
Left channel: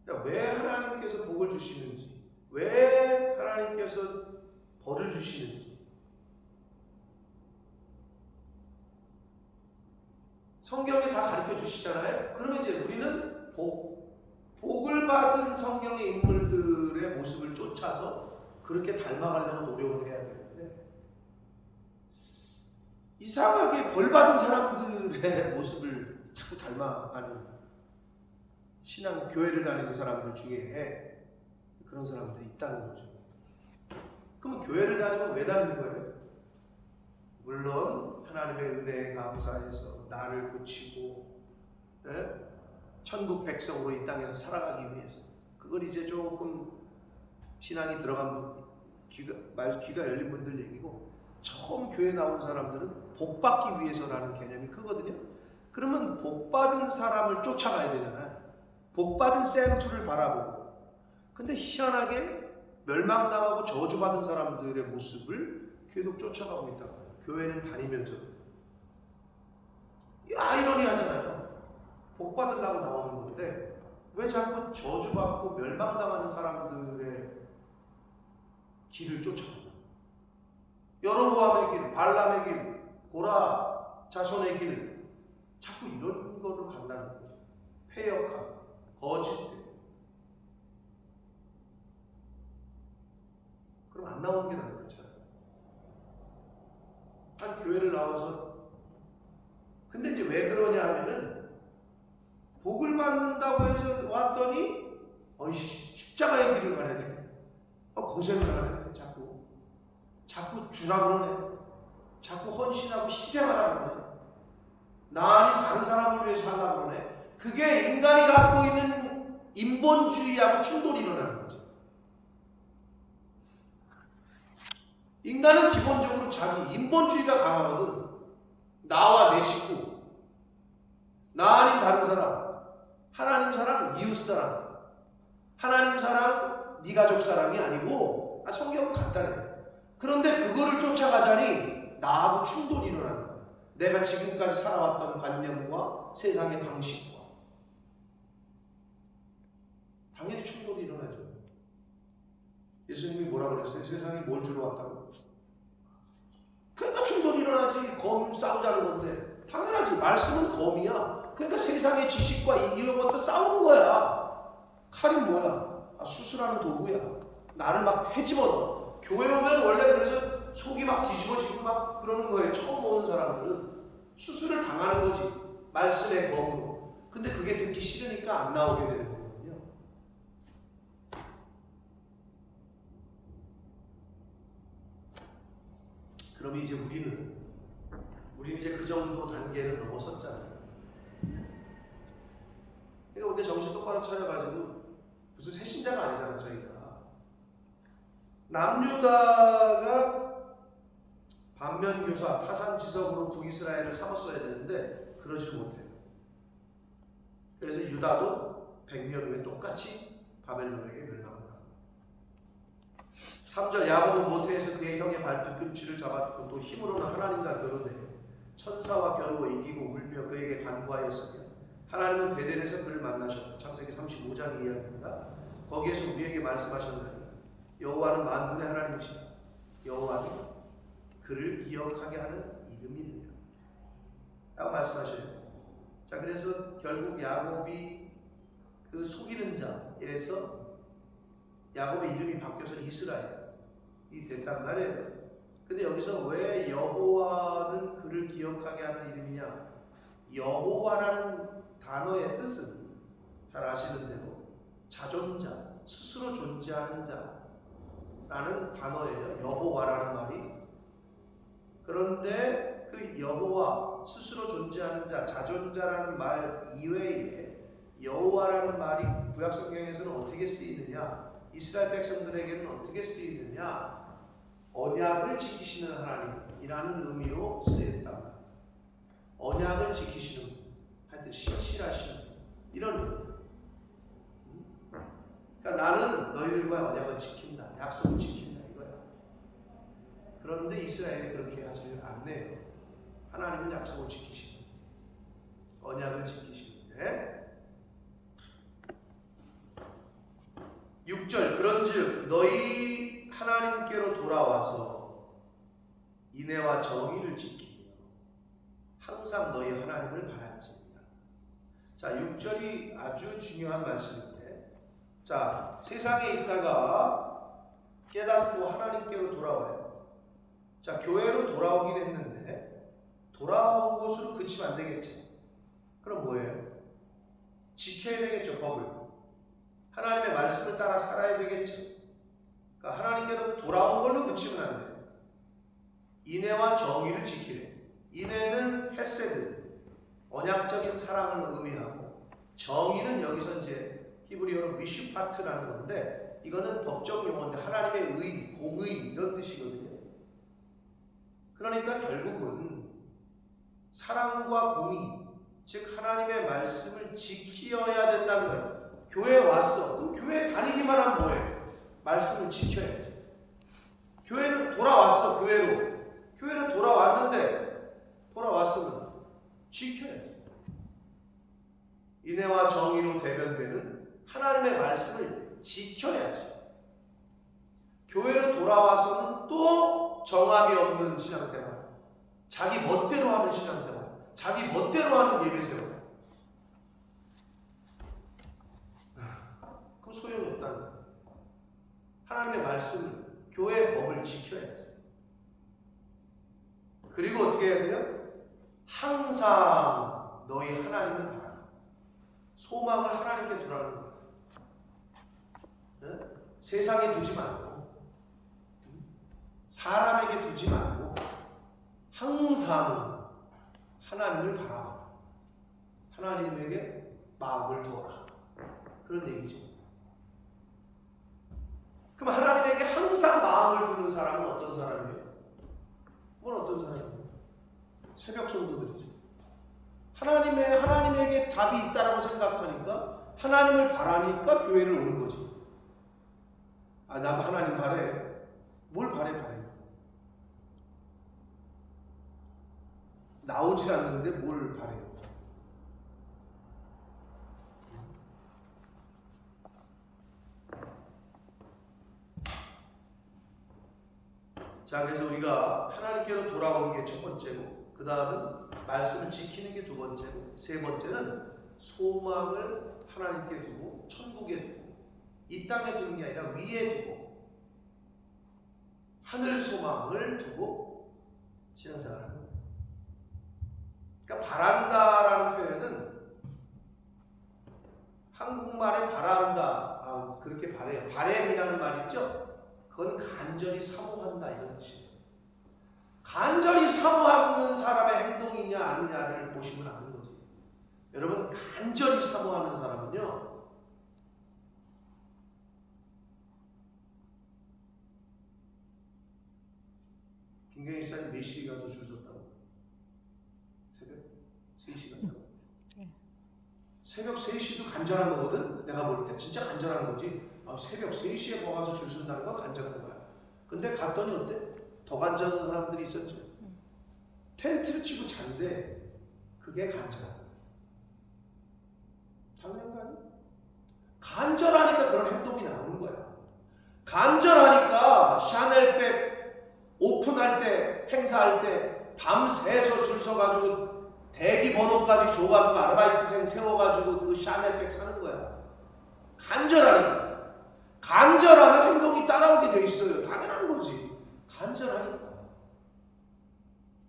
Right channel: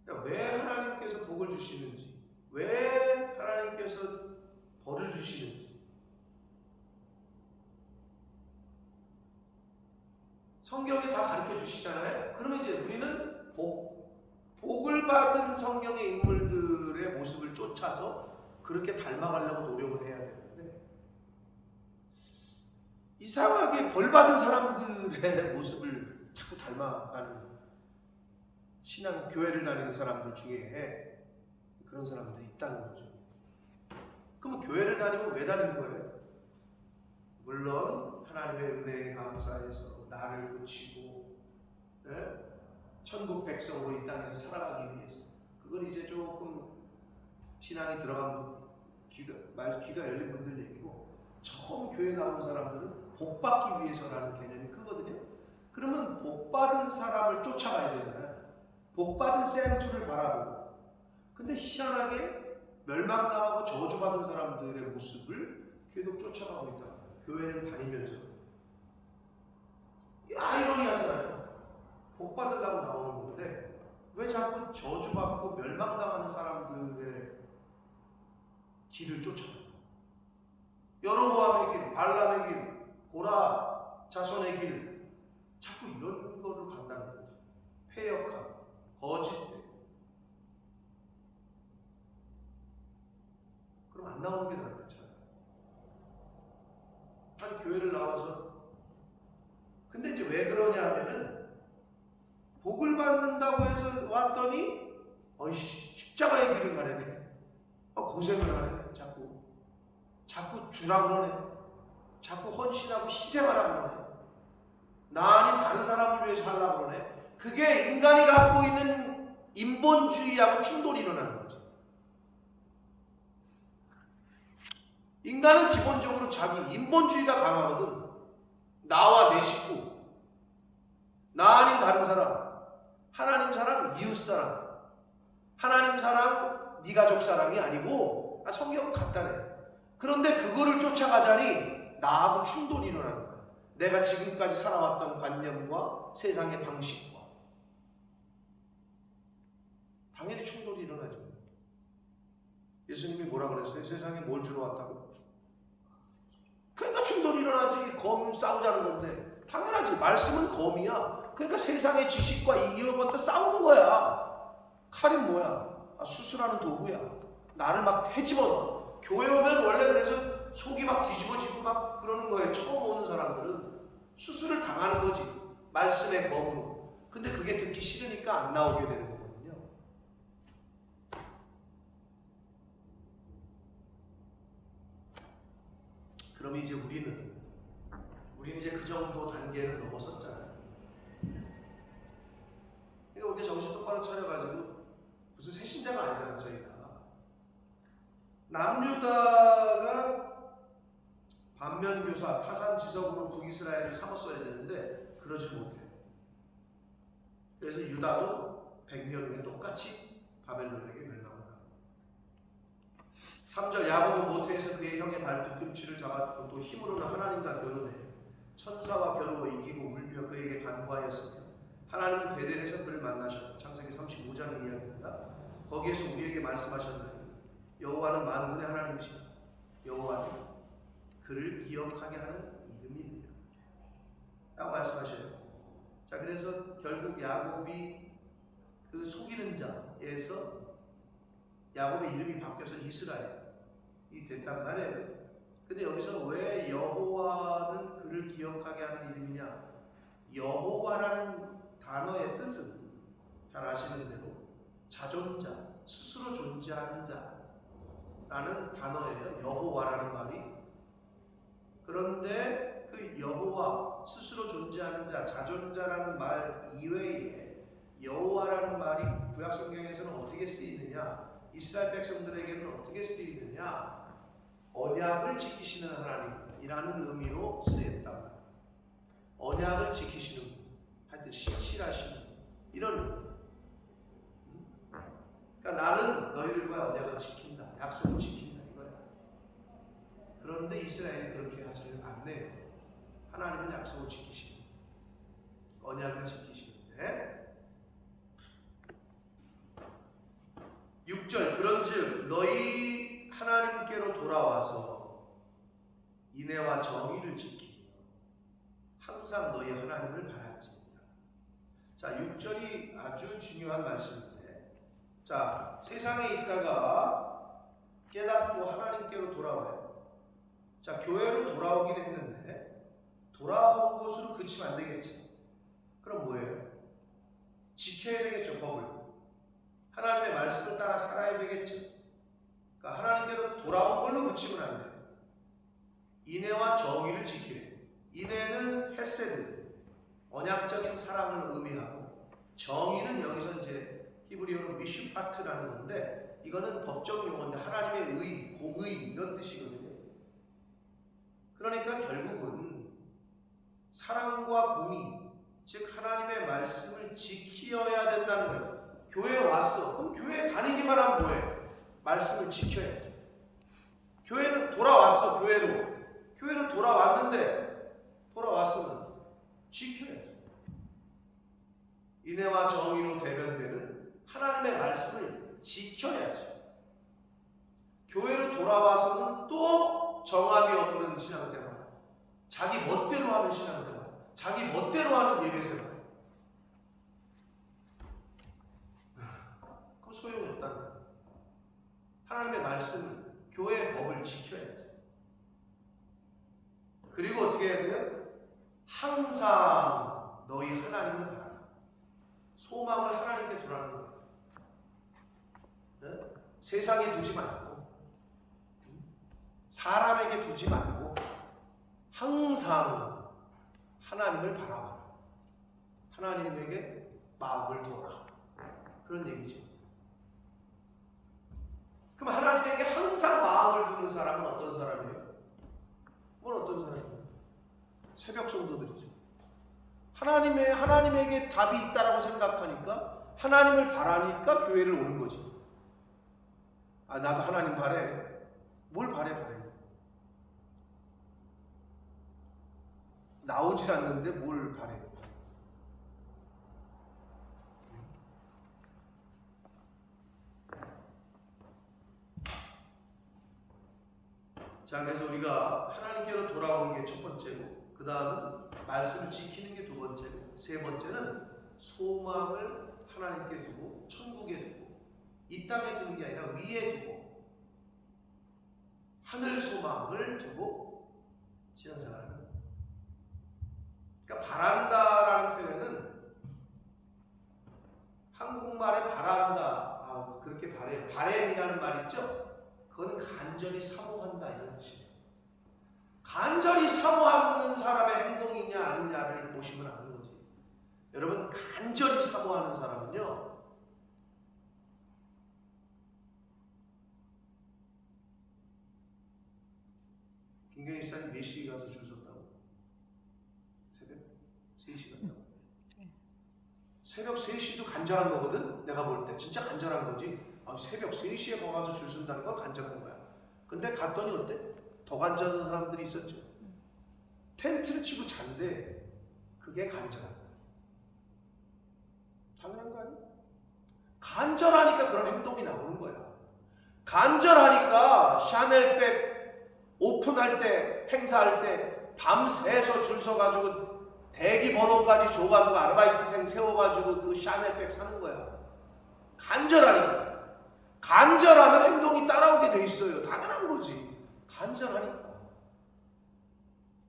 그러니까 왜 하나님께서 복을 주시는지, 왜 하나님께서 벌을 주시는지 성경에 다 가르쳐 주시잖아요. 그러면 이제 우리는 복을 받은 성경의 인물들의 모습을 쫓아서 그렇게 닮아가려고 노력을 해야 되는데, 이상하게 벌 받은 사람들의 모습을 자꾸 닮아가는 신앙 교회를 다니는 사람들 중에 그런 사람들이 있다는 거죠. 그러면 교회를 다니면 왜 다니는 거예요? 물론 하나님의 은혜에 감사해서 나를 고치고 천국 백성으로 이 땅에서 살아가기 위해서. 그걸 이제 조금 신앙이 들어간 귀가 열린 분들 얘기고, 처음 교회 나온 사람들은 복받기 위해서라는 개념이 크거든요. 그러면 복받은 사람을 쫓아가야 되잖아요. 복받은 샘플을 바라보고. 근데 희한하게 멸망당하고 저주받은 사람들의 모습을 계속 쫓아가고 있다고 해요. 교회는 다니면서. 아이러니하잖아요. 복받으려고 나오는 건데 왜 자꾸 저주받고 멸망당하는 사람들의 길을 쫓아가냐. 여로보암의 길, 발람의 길, 고라 자손의 길, 자꾸 이런 거로 간다는 거죠. 패역함, 거짓됨. 그럼 안 나오는 게 나은데 차라리. 아니 교회를 나와서, 근데 이제 왜 그러냐 하면은 복을 받는다고 해서 왔더니 십자가의 길을 가려네. 고생을 하네. 자꾸 주라 그러네. 자꾸 헌신하고 희생하라 그러네. 나 아닌 다른 사람을 위해 살라 그러네. 그게 인간이 갖고 있는 인본주의하고 충돌이 일어나는 거죠. 인간은 기본적으로 자기 인본주의가 강하거든. 나와 내 식구, 나 아닌 다른 사람, 하나님 사랑, 이웃 사랑, 하나님 사랑, 네 가족 사랑이 아니고, 성경은 간단해. 그런데 그거를 쫓아가자니 나하고 충돌이 일어나는 거야. 내가 지금까지 살아왔던 관념과 세상의 방식과 당연히 충돌이 일어나죠. 예수님이 뭐라 그랬어요? 세상에 뭘 주러 왔다고? 그러니까 충돌이 일어나지. 검 싸우자는 건데 당연하지. 말씀은 검이야. 그러니까 세상의 지식과 이런 것도 싸우는 거야. 칼이 뭐야? 수술하는 도구야. 나를 막 헤집어넣어. 교회 오면 원래 그래서 속이 막 뒤집어지고 막 그러는 거예요. 처음 오는 사람들은 수술을 당하는 거지. 말씀의 검으로. 근데 그게 듣기 싫으니까 안 나오게 되는 거거든요. 그럼 이제 우리는 이제 그 정도 단계를 넘어섰잖아요. 그러니까 우리가 정신 똑바로 차려가지고 무슨 새신자가 아니잖아. 저희가 남유다가 반면교사 타산지석으로 북이스라엘을 삼았어야 되는데 그러질 못해요. 그래서 유다도 100년 후에 똑같이 바벨론에게 멸망을 합니다. 3절 야곱은 모태에서 그의 형의 발뒤꿈치를 잡았고 또 힘으로는 하나님과 겨루되 천사와 겨루어 이기고 울며 그에게 간구하였으며 하나님은 베델에서 그를 만나셨고 창세기 35장 이야기입니다. 거기에서 우리에게 말씀하셨나니 여호와는 만군의 하나님이시다. 여호와는 그를 기억하게 하는 이름이니라 라고 말씀하셔요. 자, 그래서 결국 야곱이 그 속이는 자에서 야곱의 이름이 바뀌어서 이스라엘이 됐단 말이에요. 근데 여기서 왜 여호와는 그를 기억하게 하는 이름이냐? 여호와라는 단어의 뜻은 잘 아시는 대로 자존자, 스스로 존재하는 자라는 단어예요. 여호와라는 말이. 그런데 그 여호와, 스스로 존재하는 자, 자존자라는 말 이외에 여호와라는 말이 구약 성경에서는 어떻게 쓰이느냐? 이스라엘 백성들에게는 어떻게 쓰이느냐? 언약을 지키시는 하나님이라는 의미로 쓰였단 말이에요. 언약을 지키시는 분, 하여튼 신실하시는 분, 이런 의미. 그러니까 나는 너희들과의 언약을 지킨다, 약속을 지킨다 이거야. 그런데 이스라엘이 그렇게 하지 않네요. 하나님은 약속을 지키시는, 언약을 지키시는데 6절 그런즉 너희 하나님께로 돌아와서 인애와 정의를 지키며 항상 너희 하나님을 바랄지니라. 자, 6절이 아주 중요한 말씀인데, 자, 세상에 있다가 깨닫고 하나님께로 돌아와요. 자, 교회로 돌아오긴 했는데 돌아온 것으로 그치면 안 되겠죠. 그럼 뭐예요? 지켜야 되겠죠. 법을. 하나님의 말씀을 따라 살아야 되겠죠. 그러니까 하나님께로 돌아온 걸로 그치면 안 돼요. 인애와 정의를 지키래. 인애는 헤세드, 언약적인 사랑을 의미하고, 정의는 여기서 이제 히브리어로 미슈파트라는 건데, 이거는 법적 용어인데 하나님의 의, 공의 이런 뜻이거든요. 그러니까 결국은 사랑과 공의, 즉 하나님의 말씀을 지키어야 된다는 거예요. 교회에 왔어. 그럼 교회 다니기만 하면 뭐해? 말씀을 지켜야지. 교회는 돌아왔어. 교회로 돌아왔는데 돌아왔으면 지켜야지. 인애와 정의로 대변되는 하나님의 말씀을 지켜야지. 교회로 돌아와서는 또 정함이 없는 신앙생활, 자기 멋대로 하는 신앙생활, 자기 멋대로 하는 예배생활, 그럼 소용이 없다는 거예요. 하나님의 말씀을, 교회의 법을 지켜야지. 그리고 어떻게 해야 돼요? 항상 너희 하나님을 바라라. 소망을 하나님께 두라는 거예요. 네? 세상에 두지 말고, 사람에게 두지 말고 항상 하나님을 바라봐라. 하나님에게 마음을 두어라. 그런 얘기죠. 그럼 하나님에게 항상 마음을 두는 사람은 어떤 사람이에요? 어떤 사람이에요? 새벽 성도들이죠. 하나님에게 답이 있다라고 생각하니까, 하나님을 바라니까 교회를 오는 거지. 아, 나도 하나님 바래. 뭘 바래? 나오질 않는데 뭘 바래? 자, 그래서 우리가 하나님께로 돌아오는 게 첫 번째고, 그 다음은 말씀을 지키는 게 두 번째고, 세 번째는 소망을 하나님께 두고 천국에 두고, 이 땅에 두는 게 아니라 위에 두고 하늘 소망을 두고 신앙생활을 하는 거예요. 그러니까 바란다라는 표현은 한국말에 바란다, 그렇게 바래요. 바램이라는 말 있죠? 그건 간절히 사모한다 이런 뜻이에요. 간절히 사모하는 사람의 행동이냐 아니냐를 보시면 아는 거지. 여러분, 간절히 사모하는 사람은요, 김경희 집사님 몇 시에 가서 줄 섰다고? 새벽 3시 갔다고? 새벽 3시도 간절한 거거든? 내가 볼 때 진짜 간절한 거지. 새벽 3시에 가서 줄 선다는 건 간절한 거야. 근데 갔더니 어때? 더 간절한 사람들이 있었죠. 텐트를 치고 잔대. 그게 간절한 거야. 당연한 거 아니야? 간절하니까 그런 행동이 나오는 거야. 간절하니까 샤넬백 오픈할 때, 행사할 때 밤새서 줄 서가지고 대기 번호까지 줘가지고 아르바이트생 세워가지고 그 샤넬백 사는 거야. 간절하는 거야. 간절하면 행동이 따라오게 돼 있어요. 당연한 거지. 간절하니까.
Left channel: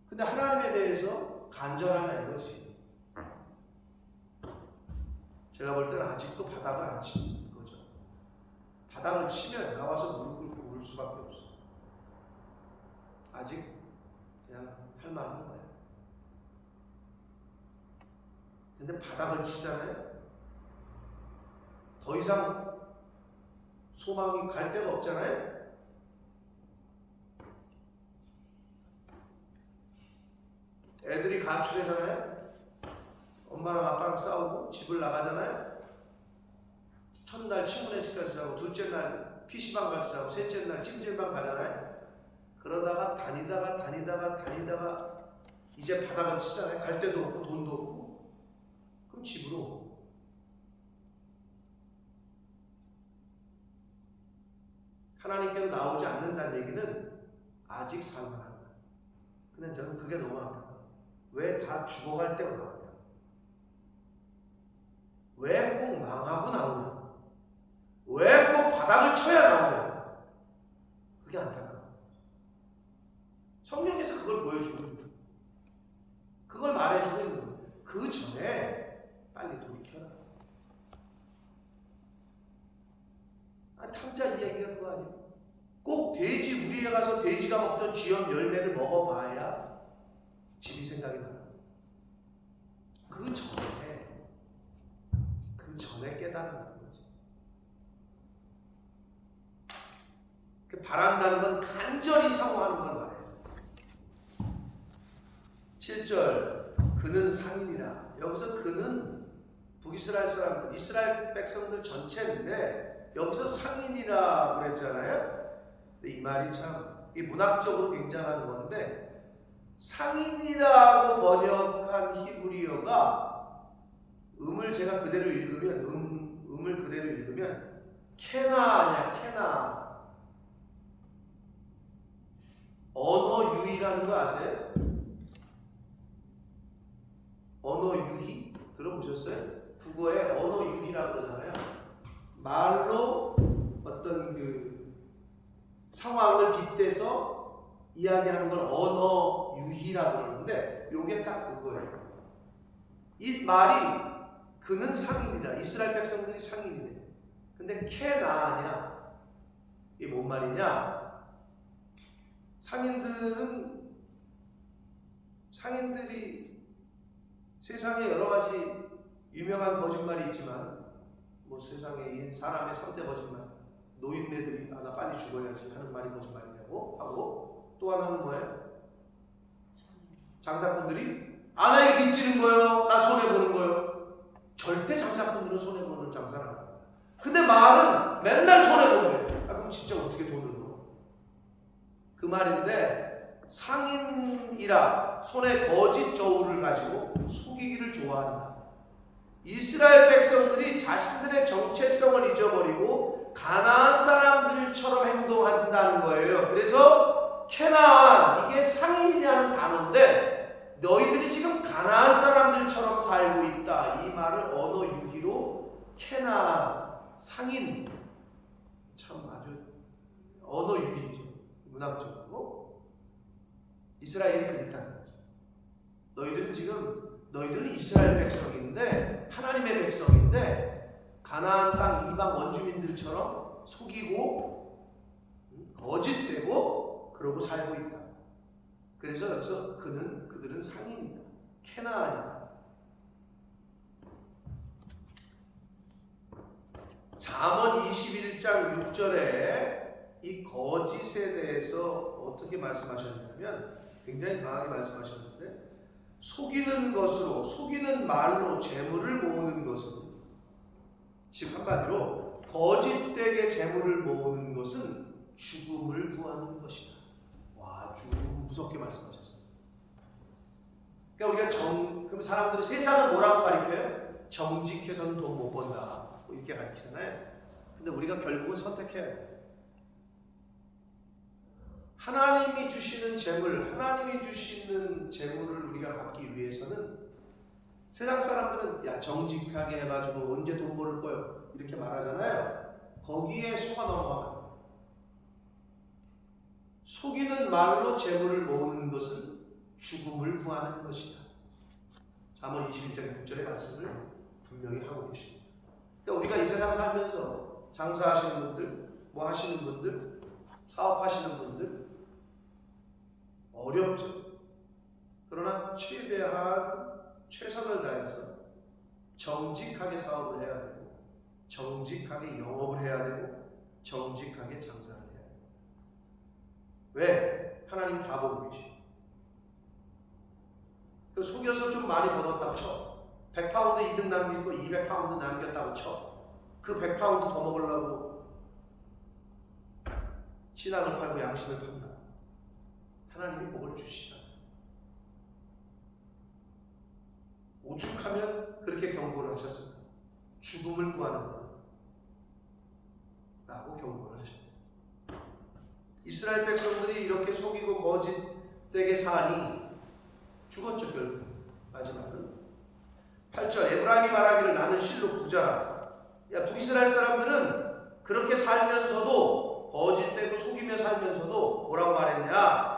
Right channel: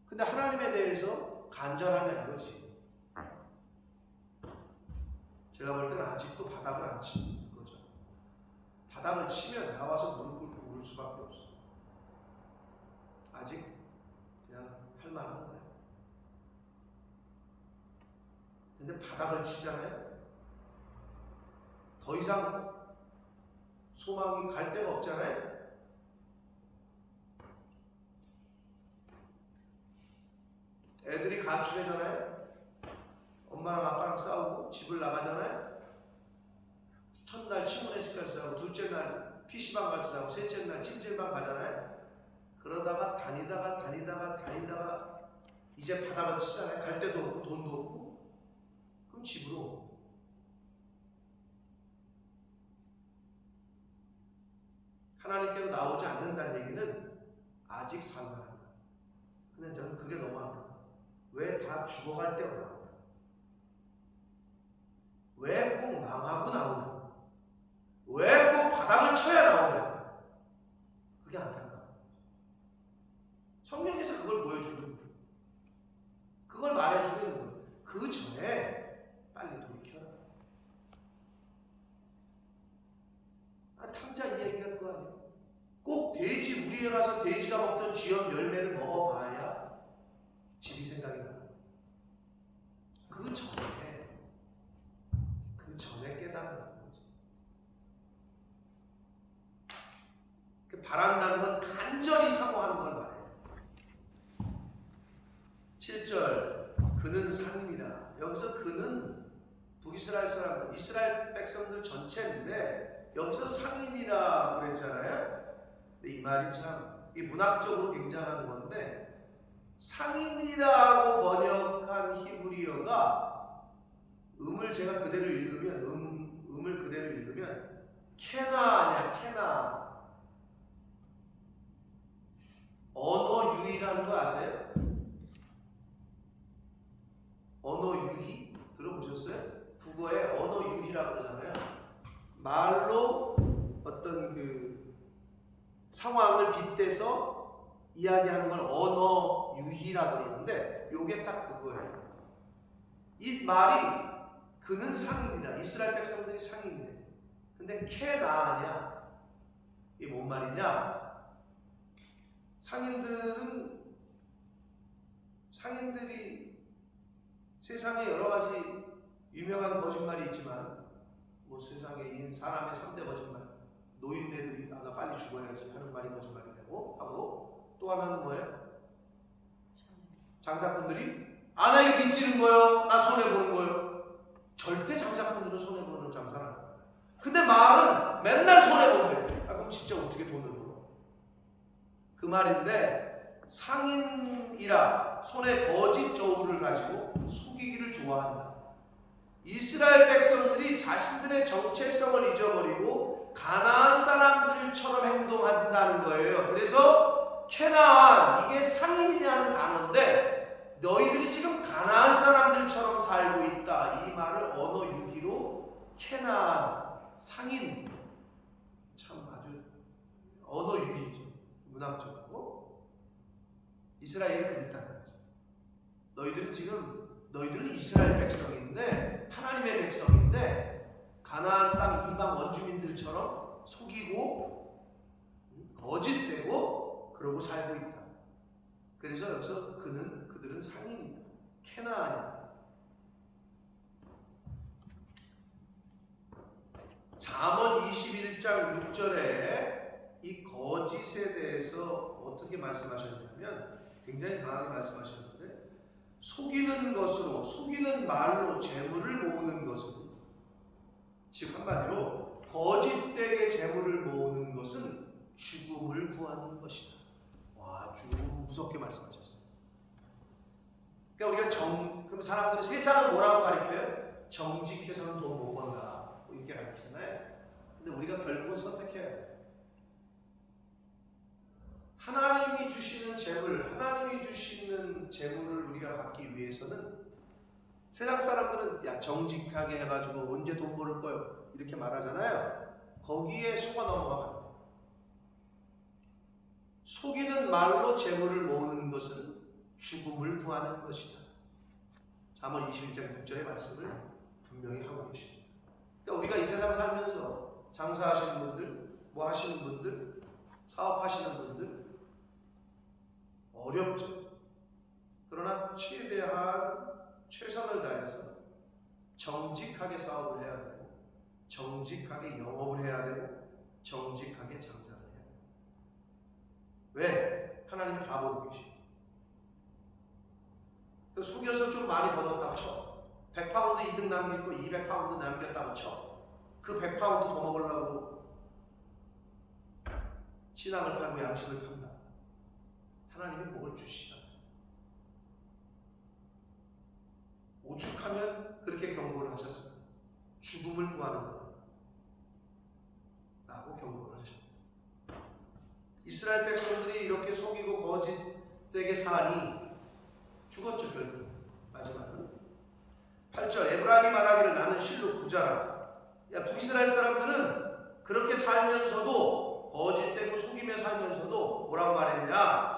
근데 하나님에 대해서 간절하냐 이거지. 제가 볼 때는 아직도 바닥을 안 치는 거죠. 바닥을 치면 나와서 무릎 꿇고 울 수밖에 없어. 아직 그냥 할 만한 거야. 근데 바닥을 치잖아요. 더 이상 소망이 갈 데가 없잖아요. 애들이 가출하잖아요. 엄마랑 아빠랑 싸우고 집을 나가잖아요. 첫날 친구네 집 가서 자고, 둘째 날 PC방 가서 자고, 셋째 날 찜질방 가잖아요. 그러다가 다니다가 이제 바닥을 치잖아요. 갈 데도 없고 돈도 없고. 그럼 집으로. 하나님께로 나오지 않는다는 얘기는 아직 살만한 거예요. 근데 저는 그게 너무 안타까워요. 왜 다 죽어갈 때가 나오냐? 왜 꼭 망하고 나오냐? 왜 꼭 바닥을 쳐야 나오냐? 그게 안타까워요. 성경에서 그걸 보여주고 있는 거예요. 그걸 말해주고 있는 거예요. 그 전에 빨리 돌이켜라. 탕자 이야기가 그거 아니에요? 꼭 돼지 우리에 가서 돼지가 먹던 쥐염 열매를 먹어봐야 집이 생각이 나요. 그 전에 깨달아내는 거지. 바란다는 건 간절히 사모하는 걸 말해요. 7절 그는 상인이라. 여기서 그는 북이스라엘 사람들, 이스라엘 백성들 전체인데 여기서 상인이라 그랬잖아요. 근데 이 말이 참 이 문학적으로 굉장한 건데, 상인이라고 번역한 히브리어가 음을 제가 그대로 읽으면 음을 그대로 읽으면 케나냐, 케나. 언어 유희라는 거 아세요? 언어 유희 들어보셨어요? 국어에 언어 유희라고 그러잖아요. 말로 어떤 그 상황을 빗대서 이야기하는 걸 언어 유희라고 그러는데, 요게 딱 그거예요. 이 말이 그는 상인이라, 이스라엘 백성들이 상인이래. 근데 케나냐, 이게 뭔 말이냐? 상인들이 세상에 여러 가지 유명한 거짓말이 있지만, 뭐 세상에 사람의 3대 거짓말, 노인네들이 나 빨리 죽어야지 하는 말이 거짓말이라고 하고, 또 하나는 뭐예요? 장사꾼들이 나 이거 빚지는 거요, 나 손해보는 거요. 절대 장사꾼들은 손해보는 장사를 안 합니다. 근데 말은 맨날 손해본대. 그럼 진짜 어떻게 돈을 벌어? 그 말인데, 상인이라 손에 거짓 저울을 가지고 속이기를 좋아한다. 이스라엘 백성들이 자신들의 정체성을 잊어버리고 가나안 사람들처럼 행동한다는 거예요. 그래서 케나안, 이게 상인이라는 단어인데 너희들이 지금 가나안 사람들처럼 살고 있다. 이 말을 언어 유희로 케나안, 상인, 참 아주 언어 유희죠. 문학적으로. 이스라엘이 그랬다는 거죠. 너희들은 이스라엘 백성인데, 하나님의 백성인데 가나안 땅 이방 원주민들처럼 속이고 거짓되고 그러고 살고 있다. 그래서 여기서 그들은 상인이다, 케나안이다. 잠언 21장 6절에 이 거짓에 대해서 어떻게 말씀하셨냐면 굉장히 강하게 말씀하셨는데, 속이는 말로 재물을 모으는 것은, 즉 한마디로 거짓되게 재물을 모으는 것은 죽음을 구하는 것이다. 와, 아주 무섭게 말씀하셨어요. 그러니까 우리가 그럼 사람들은 세상은 뭐라고 가르쳐요? 정직해서는 돈 못 번다, 뭐 이렇게 가르치잖아요. 근데 우리가 결국은 선택해야 돼요. 하나님이 주시는 재물을 우리가 받기 위해서는, 세상 사람들은 정직하게 해가지고 언제 돈 벌을 거요 이렇게 말하잖아요. 거기에 속아 넘어가면 안 돼요. 속이는 말로 재물을 모으는 것은 죽음을 구하는 것이다. 잠언 21장 6절의 말씀을 분명히 하고 계십니다. 그러니까 우리가 이 세상 살면서 장사하시는 분들, 뭐 하시는 분들, 사업하시는 분들 어렵죠. 그러나 최대한 최선을 다해서 정직하게 사업을 해야 되고, 정직하게 영업을 해야 되고, 정직하게 장사를 해야 돼요. 왜? 하나님이 다 보고 계시고. 속여서 좀 많이 벌었다고 쳐. 100파운드 이득 남길 거 200파운드 남겼다고 쳐. 그 100파운드 더 먹으려고 신앙을 팔고 양심을 판다. 하나님이 복을 주시다. 오죽하면 그렇게 경고를 하셨을까? 죽음을 구하는 거다 라고 경고를 하셨다. 이스라엘 백성들이 이렇게 속이고 거짓되게 사니 죽었죠. 결국 마지막은 8절 에브라임이 말하기를 나는 실로 부자라. 북이스라엘 사람들은 그렇게 살면서도, 거짓되고 속이며 살면서도 뭐라고 말했냐?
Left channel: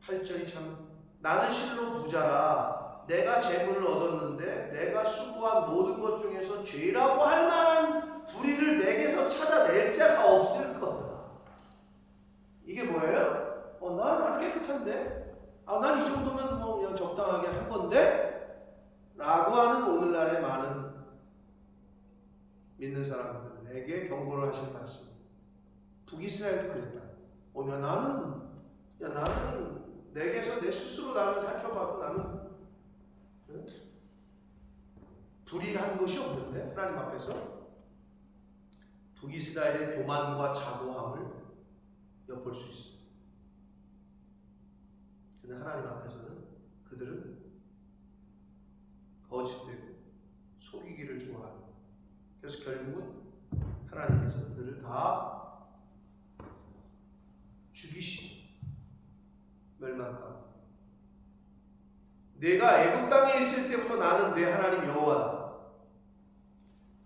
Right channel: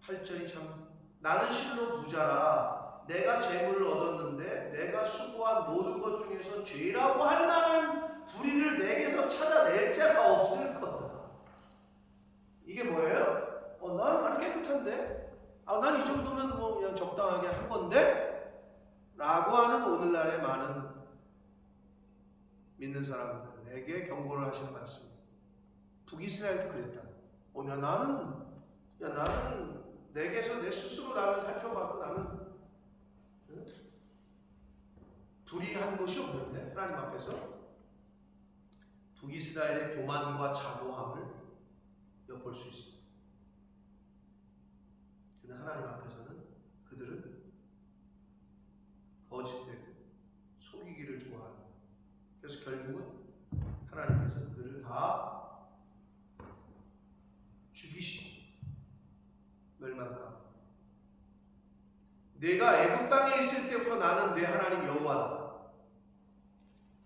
8절이 참, 나는 실로 부자라. 내가 재물을 얻었는데 내가 수고한 모든 것 중에서 죄라고 할 만한 불의를 내게서 찾아낼 자가 없을 거다. 이게 뭐예요? 난 깨끗한데? 난 이 정도면 뭐 그냥 적당하게 한 건데? 라고 하는 오늘날의 많은 믿는 사람들에게 경고를 하시는 말씀. 북이스라엘도 그랬다. 나는 내게서 내 스스로 나를 살펴봐도 나는 불의한 것이 없는데 하나님 앞에서 북이스라엘의 교만과 자고함을 엿볼 수 있어요. 근데 하나님 앞에서는 그들은 거짓되고 속이기를 좋아하는, 그래서 결국은 하나님께서 그들을 다 죽이시죠. 멸망 가운데. 내가 애굽 땅에 있을 때부터 나는 내 하나님 여호와다.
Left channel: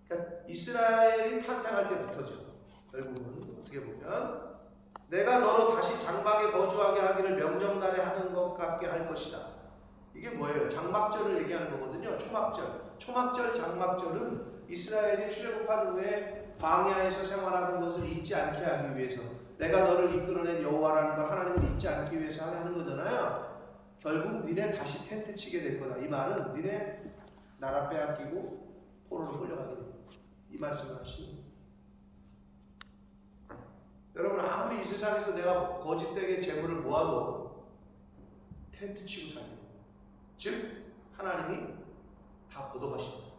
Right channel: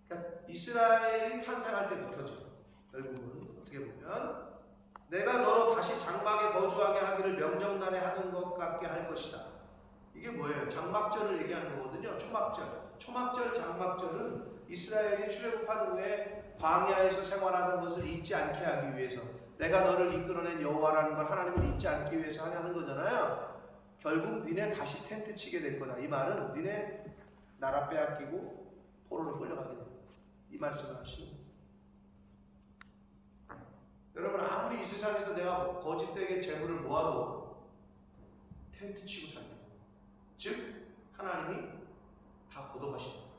그러니까 이스라엘이 탄생할 때부터죠. 결국은 어떻게 보면 내가 너로 다시 장막에 거주하게 하기를 명령날에 하는 것 같게 할 것이다. 이게 뭐예요? 장막절을 얘기하는 거거든요. 초막절, 장막절은 이스라엘이 출애굽한 후에 광야에서 생활하는 것을 잊지 않게 하기 위해서, 내가 너를 이끌어낸 여호와라는 걸 하나님을 잊지 않기 위해서 하는 거잖아요. 결국 니네 다시 텐트 치게 될 거다. 이 말은 니네 나라 빼앗기고 포로로 끌려가게 될 거다. 이 말씀을 하시는 거예요. 여러분, 아무리 이 세상에서 내가 거짓되게 재물을 모아도 텐트 치고 살게 돼요. 즉 하나님이 다 걷어가시는 거예요.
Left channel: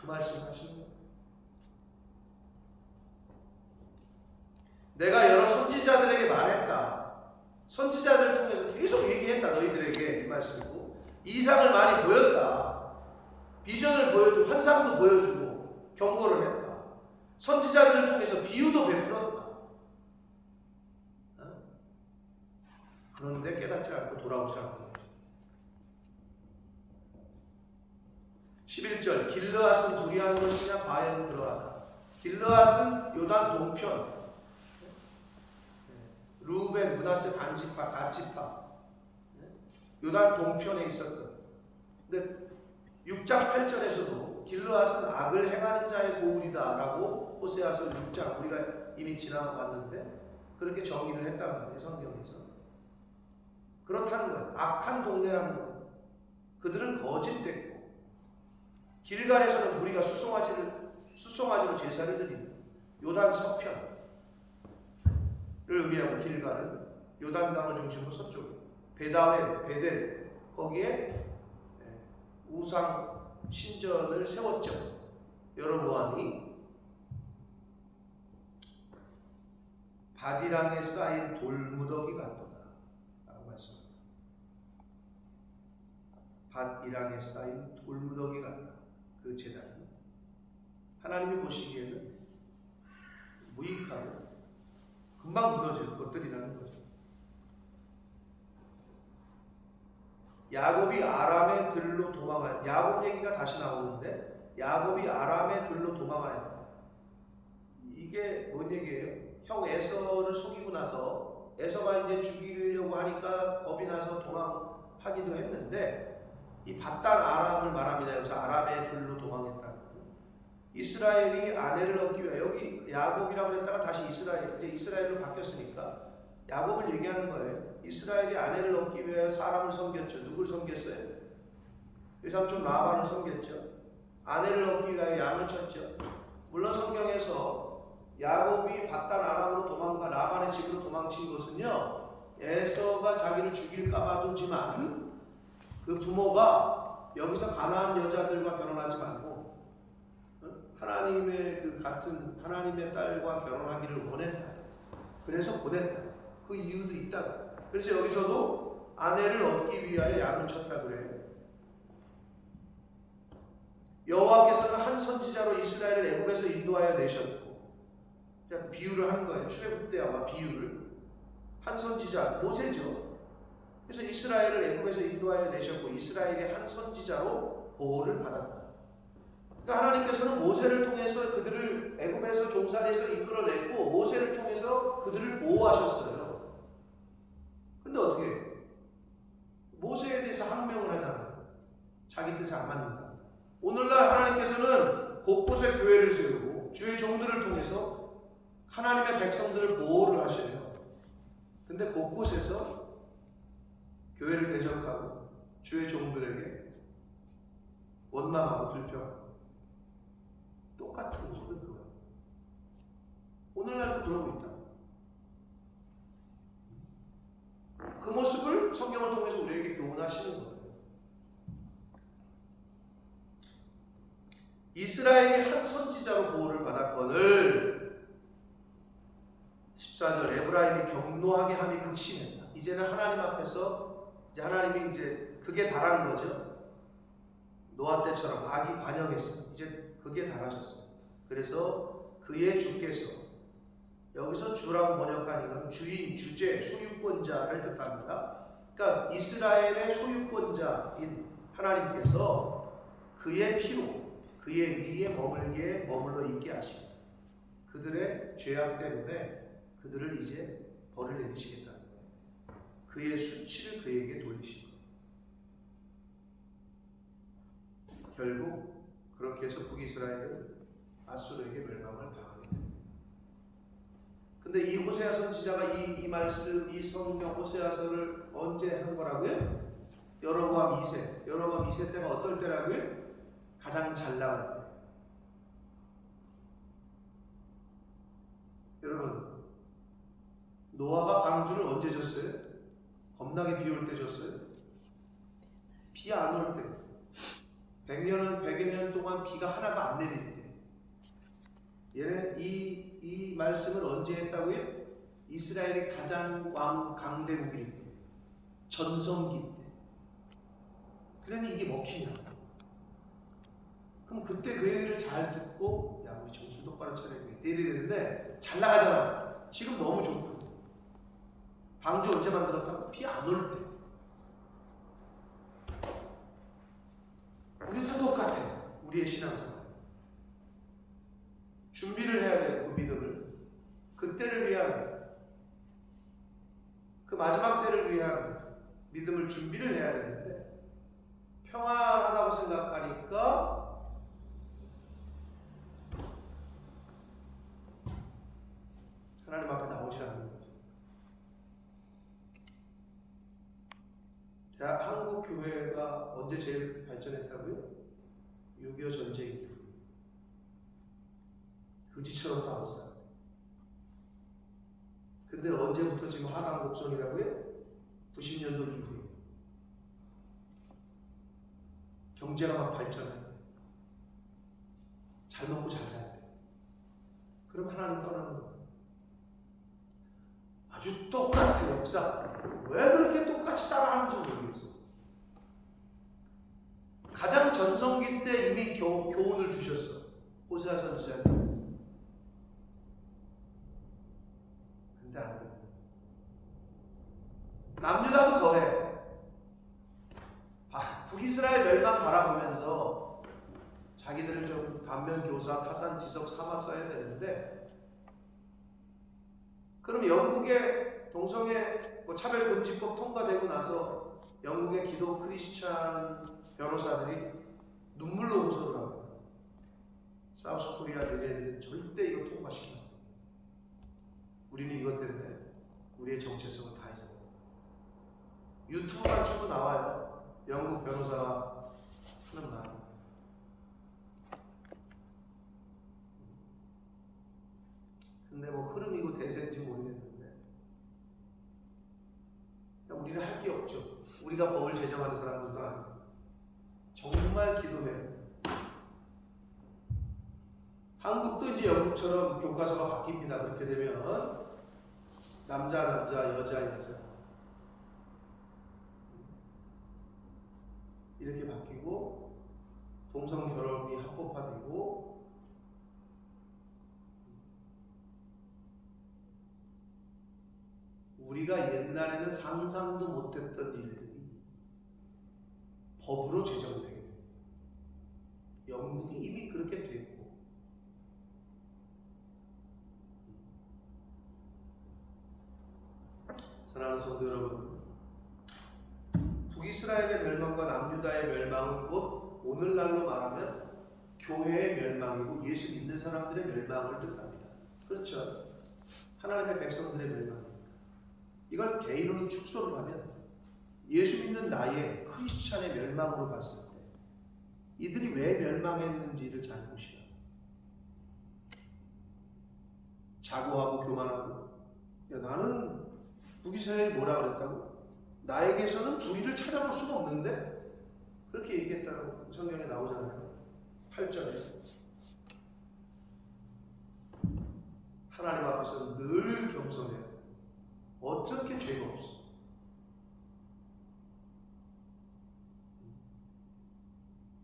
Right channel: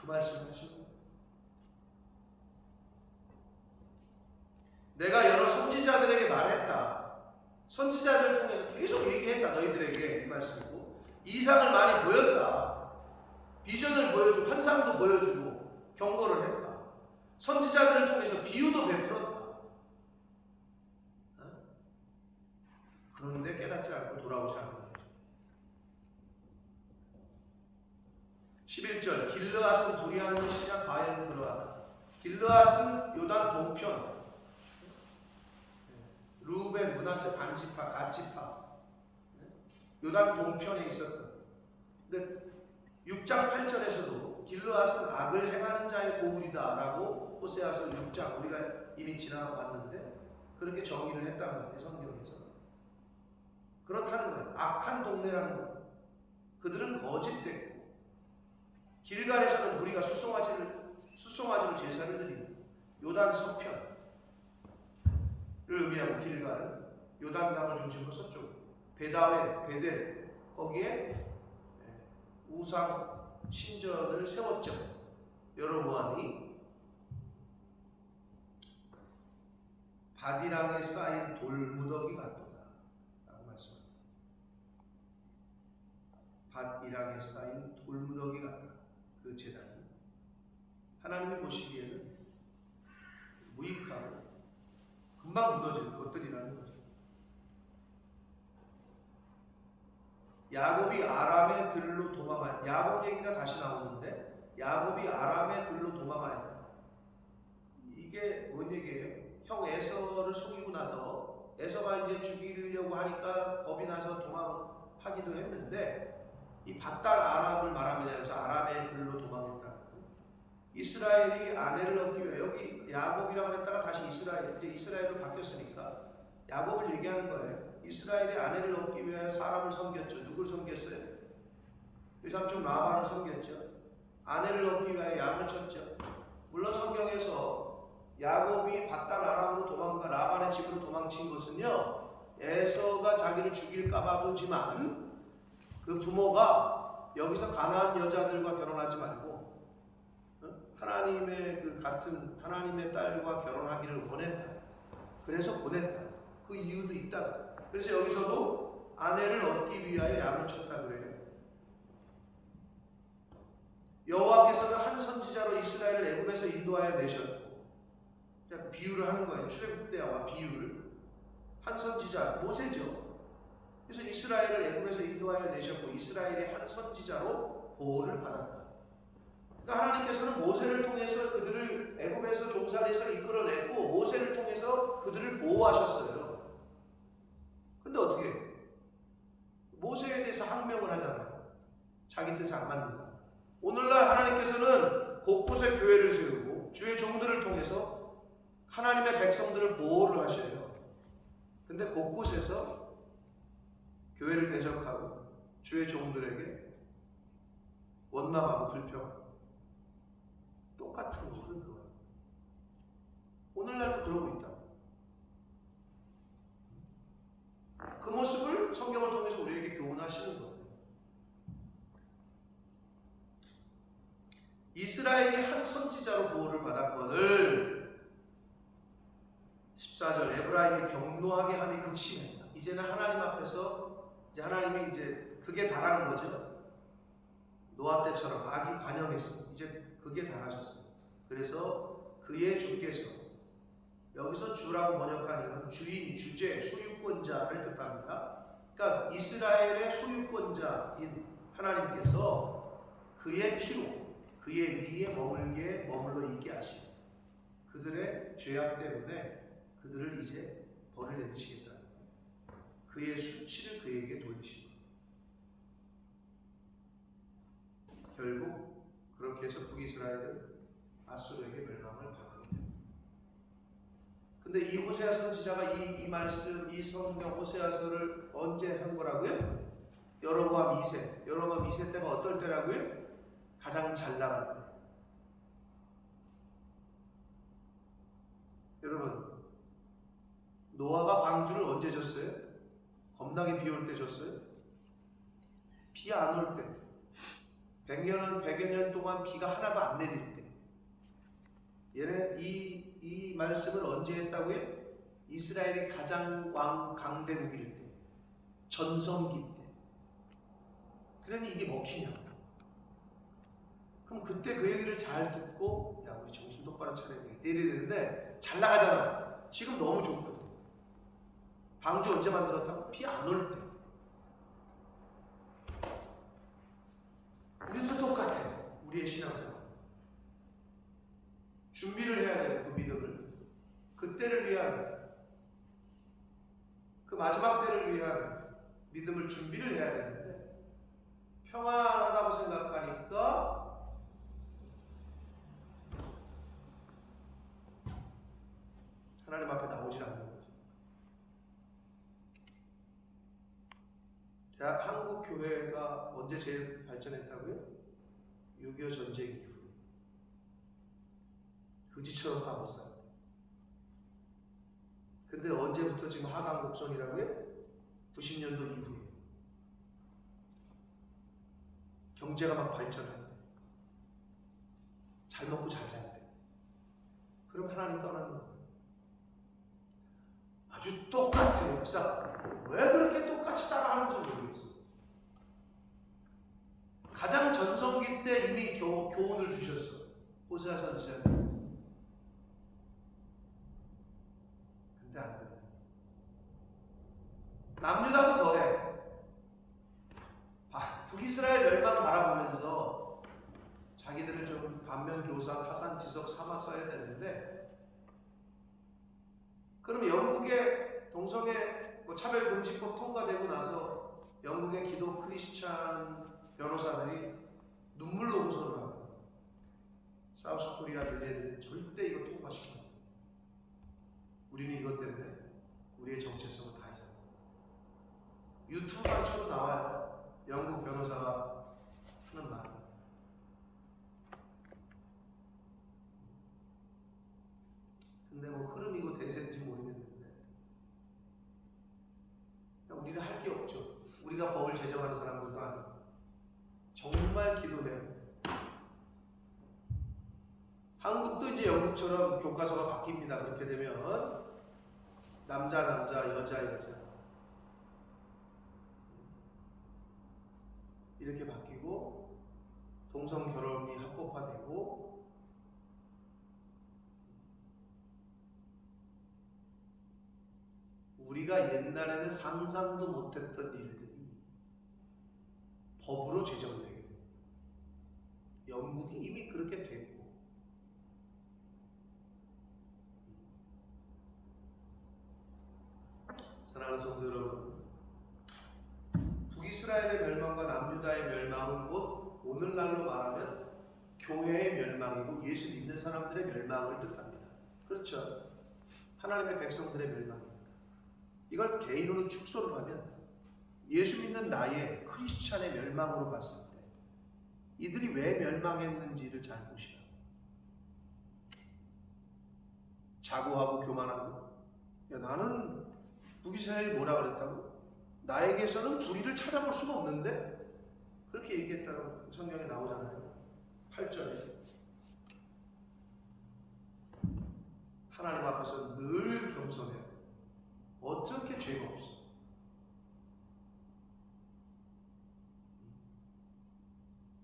그 말씀을 하시는 거예요. 내가 여러 선지자들에게 말했다. 선지자들을 통해서 계속 얘기했다. 너희들에게 이 말씀이고, 이상을 많이 보였다. 비전을 보여주고 환상도 보여주고 경고를 했다. 선지자들을 통해서 비유도 베풀었다. 그런데 깨닫지 않고 돌아오지 않는 거죠. 11절, 길르앗은 불의한 것이냐? 과연 그러하다. 길르앗은 요단 동편, 루벤, 므낫세 반지파, 갓지파, 요단 동편에 있었던. 근데 6장 8절에서도 길르앗은 악을 행하는 자의 고울이다 라고 호세아서 6장, 우리가 이미 지나왔는데 그렇게 정의를 했단 말이에요. 성경에서. 그렇다는 거예요. 악한 동네라는 거예요. 그들은 거짓됐고, 길갈에서는 무리가 수송아지로 제사를 드리는 요단 서편을 의미하고, 길갈은 요단강을 중심으로 서쪽에, 베다웬, 베델, 거기에 우상 신전을 세웠죠. 여로보암이 바디랑에 쌓인 돌무더기 같도다 라고 말씀합니다. 밭이랑에 쌓인 돌무더기 같다. 그 제단은 하나님이 보시기에는 무익하고 금방 무너질 것들이라는 거죠. 야곱이 아람의 들로 도망하였다. 야곱 얘기가 다시 나오는데, 야곱이 아람의 들로 도망하였다. 이게 뭔 얘기예요? 형 에서를 속이고 나서 에서가 이제 죽이려고 하니까 겁이 나서 도망하기도 했는데, 이 밧단 아람을 말합니다. 여기서 아람의 들로 도망했다. 이스라엘이 아내를 얻기 위해, 여기 야곱이라고 그랬다가 다시 이제 이스라엘로 바뀌었으니까 야곱을 얘기하는 거예요. 이스라엘이 아내를 얻기 위해 사람을 섬겼죠. 누굴 섬겼어요? 외삼촌 라반을 섬겼죠. 아내를 얻기 위하여 양을 쳤죠. 물론 성경에서 야곱이 밧단 아람으로 라반의 집으로 도망친 것은요, 에서가 자기를 죽일까봐 그지만, 그 부모가 여기서 가나안 여자들과 결혼하지 말고 하나님의 그 같은 하나님의 딸과 결혼하기를 원했다. 그래서 보냈다. 그 이유도 있다. 그래서 여기서도 아내를 얻기 위하여 양을 쳤다 그래요. 여호와께서는 한 선지자로 이스라엘을 애굽에서 인도하여 내셨고, 그 비유를 하는 거예요. 출애굽 때와 비유를. 한 선지자 모세죠. 그래서 이스라엘을 애굽에서 인도하여 내셨고, 이스라엘이 한 선지자로 보호를 받았다. 그러니까 하나님께서는 모세를 통해서 그들을 애굽에서 종살이에서 이끌어냈고, 모세를 통해서 그들을 보호하셨어요. 근데 어떻게 해요? 모세에 대해서 항명을 하잖아요. 자기 뜻에 안 맞는다. 오늘날 하나님께서는 곳곳에 교회를 세우고 주의 종들을 통해서 하나님의 백성들을 보호를 하셔요. 근데 곳곳에서 교회를 대적하고 주의 종들에게 원망하고 불평하고 똑같은 거거든. 그거예요. 오늘날도 그러고 있다. 그 모습을 성경을 통해서 우리에게 교훈하시는 거예요. 이스라엘이 한 선지자로 보호를 받았거늘 14절 에브라임이 경노하게 함이 극심했다. 이제는 하나님 앞에서 이제 하나님이 이제 그게 달한 거죠. 노아 때처럼 악이 관영했어. 이제 그게 달하셨어요. 그래서 그의 주께서, 여기서 주라고 번역한 이건 주인, 주제, 소유권자를 뜻합니다. 그러니까 이스라엘의 소유권자인 하나님께서 그의 피로 그의 위에 머물러 있게 하시고 그들의 죄악 때문에 그들을 이제 벌을 내리시겠다는 거예요. 그의 수치를 그에게 돌리시고 결국 그렇게 해서 북이스라엘은 아수르에게 멸망을 당하게 됩니다. 근데 이 호세아 선지자가 이 말씀, 이 성경 호세아서를 언제 한 거라고요? 여로보암 2세. 여로보암 2세 때가 어떨 때라고요? 가장 잘 나갈 때. 여러분, 노아가 방주를 언제 졌어요? 겁나게 비 올 때 졌어요? 비 안 올 때. 100여 년 동안 비가 하나도 안 내릴 때. 얘네 이 말씀을 언제 했다고요? 이스라엘이 가장 강대국일 때. 전성기 때. 그러니 이게 먹히냐고. 그럼 그때 그 얘기를 잘 듣고 야 우리 정신 똑바로 차려야 돼. 이래야 되는데 잘 나가잖아. 지금 너무 좋거든. 방주 언제 만들었다고? 비 안 올 때. 우리도 똑같아. 우리의 신앙생활. 준비를 해야 되고 그 믿음을. 그때를 위한 그 마지막 때를 위한 믿음을 준비를 해야 되는데 평안하다고 생각하니까 하나님 앞에 나오질 않는 거죠. 한국 교회가 언제 제일 발전했다고요? 6.25 전쟁 이후. 그지처럼 다 못 살아요. 근데 언제부터 지금 하강 곡선이라고요? 90년도 이후에. 경제가 막 발전해요. 잘 먹고 잘 살대. 그럼 하나님 떠나는 거예요. 아주 똑같아 역사. 왜 그렇게 똑같이 따라하는지 모르겠어. 가장 전성기 때 이미 교훈을 주셨어. 호세아 선지자는. 근데 안 돼. 남유다도 더해. 북이스라엘 멸망 바라보면서 자기들을 좀 반면교사, 타산지석 삼아 써야 되는데 그럼 영국의 동성애 차별금지법 통과되고 나서 영국의 기독 크리스찬 변호사들이 눈물로 호소를 합니다. 사우스 코리아 얘네들은 절대 이거 통과시키면 안 돼. 우리는 이것 때문에 우리의 정체성을 다 잊어버려. 유튜브만 쳐도 나와요. 영국 변호사가 하는 말. 근데 뭐 흐름이고 대세인지 모르겠는데 우리는 할 게 없죠. 우리가 법을 제정하는 사람들도 아니고 정말 기도해요. 한국도 이제 영국처럼 교과서가 바뀝니다. 그렇게 되면 남자, 여자 이렇게 바뀌고 동성 결혼이 합법화되고 우리가 옛날에는 상상도 못했던 일들이 법으로 제정되게 됩니다. 영국이 이미 그렇게 됐고 사랑하는 성도 여러분, 북이스라엘의 멸망과 남유다의 멸망은 곧 오늘날로 말하면 교회의 멸망이고 예수 믿는 사람들의 멸망을 뜻합니다. 그렇죠? 하나님의 백성들의 멸망입니다. 이걸 개인으로 축소를 하면 예수 믿는 나의 크리스찬의 멸망으로 봤을 때 이들이 왜 멸망했는지를 잘 보시라고. 자고하고 교만하고, 야, 나는 북이스라엘이 뭐라 그랬다고? 나에게서는 불의를 찾아볼 수가 없는데? 그렇게 얘기했다고 성경에 나오잖아요. 8절에. 하나님 앞에서 늘 겸손해요. 어떻게 죄가 없어?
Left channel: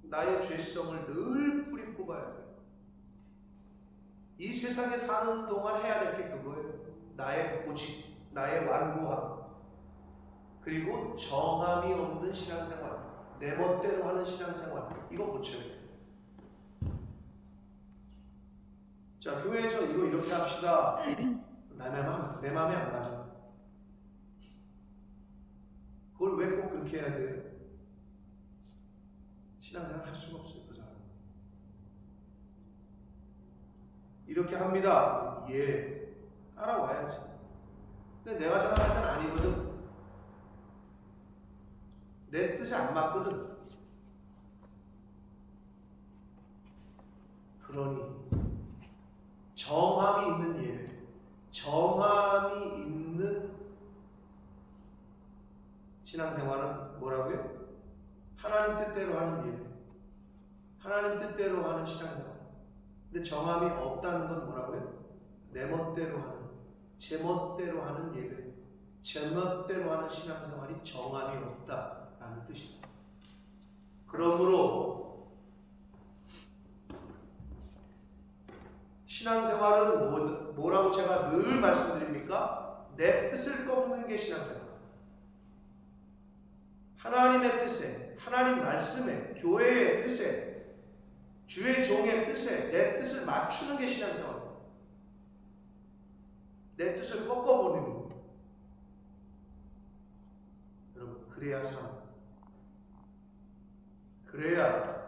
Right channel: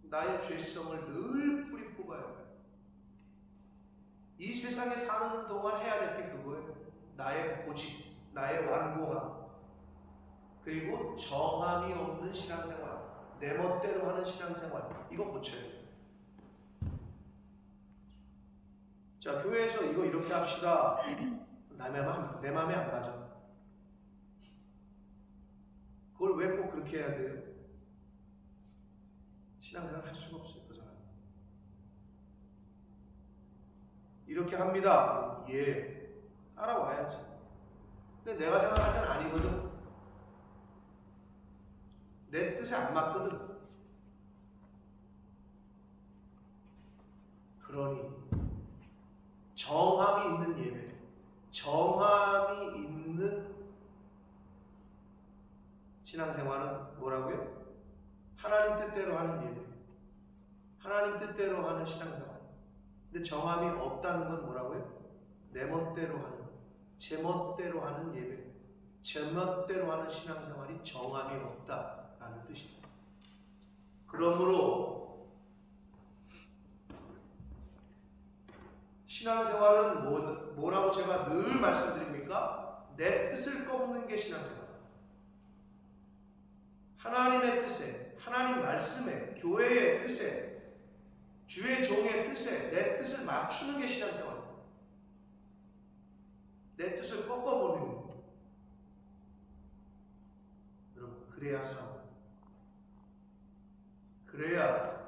나의 죄성을 늘 뿌리 뽑아야 돼요. 이 세상에 사는 동안 해야 될 게 그거예요. 나의 고집, 나의 완고함, 그리고 정함이 없는 신앙생활, 내 멋대로 하는 신앙생활, 이거 고쳐야 돼요. 자, 교회에서 이거 이렇게 합시다. 내 맘에 안 맞아. 그걸 왜 꼭 그렇게 해야 돼요? 신앙생활 할 수가 없어요, 그 사람. 이렇게 합니다. 예, 따라와야지. 근데 내가 생각할 땐 아니거든. 내 뜻에 안 맞거든. 그러니 정함이 있는 예배, 정함이 있는 신앙생활은 뭐라고요? 하나님 뜻대로 하는 예배, 하나님 뜻대로 하는 신앙생활. 근데 정함이 없다는 건 뭐라고요? 내 멋대로 하는, 제 멋대로 하는 예배, 제 멋대로 하는 신앙생활이 정함이 없다라는 뜻이다. 그러므로 신앙생활은 뭐라고 제가 늘 말씀드립니까? 내 뜻을 꺾는 게 신앙생활입니다. 하나님의 뜻에, 하나님 말씀에, 교회의 뜻에, 주의 종의 뜻에 내 뜻을 맞추는 게 신앙생활입니다. 내 뜻을 꺾어버리는 거예요. 여러분, 그래야 삶, 그래야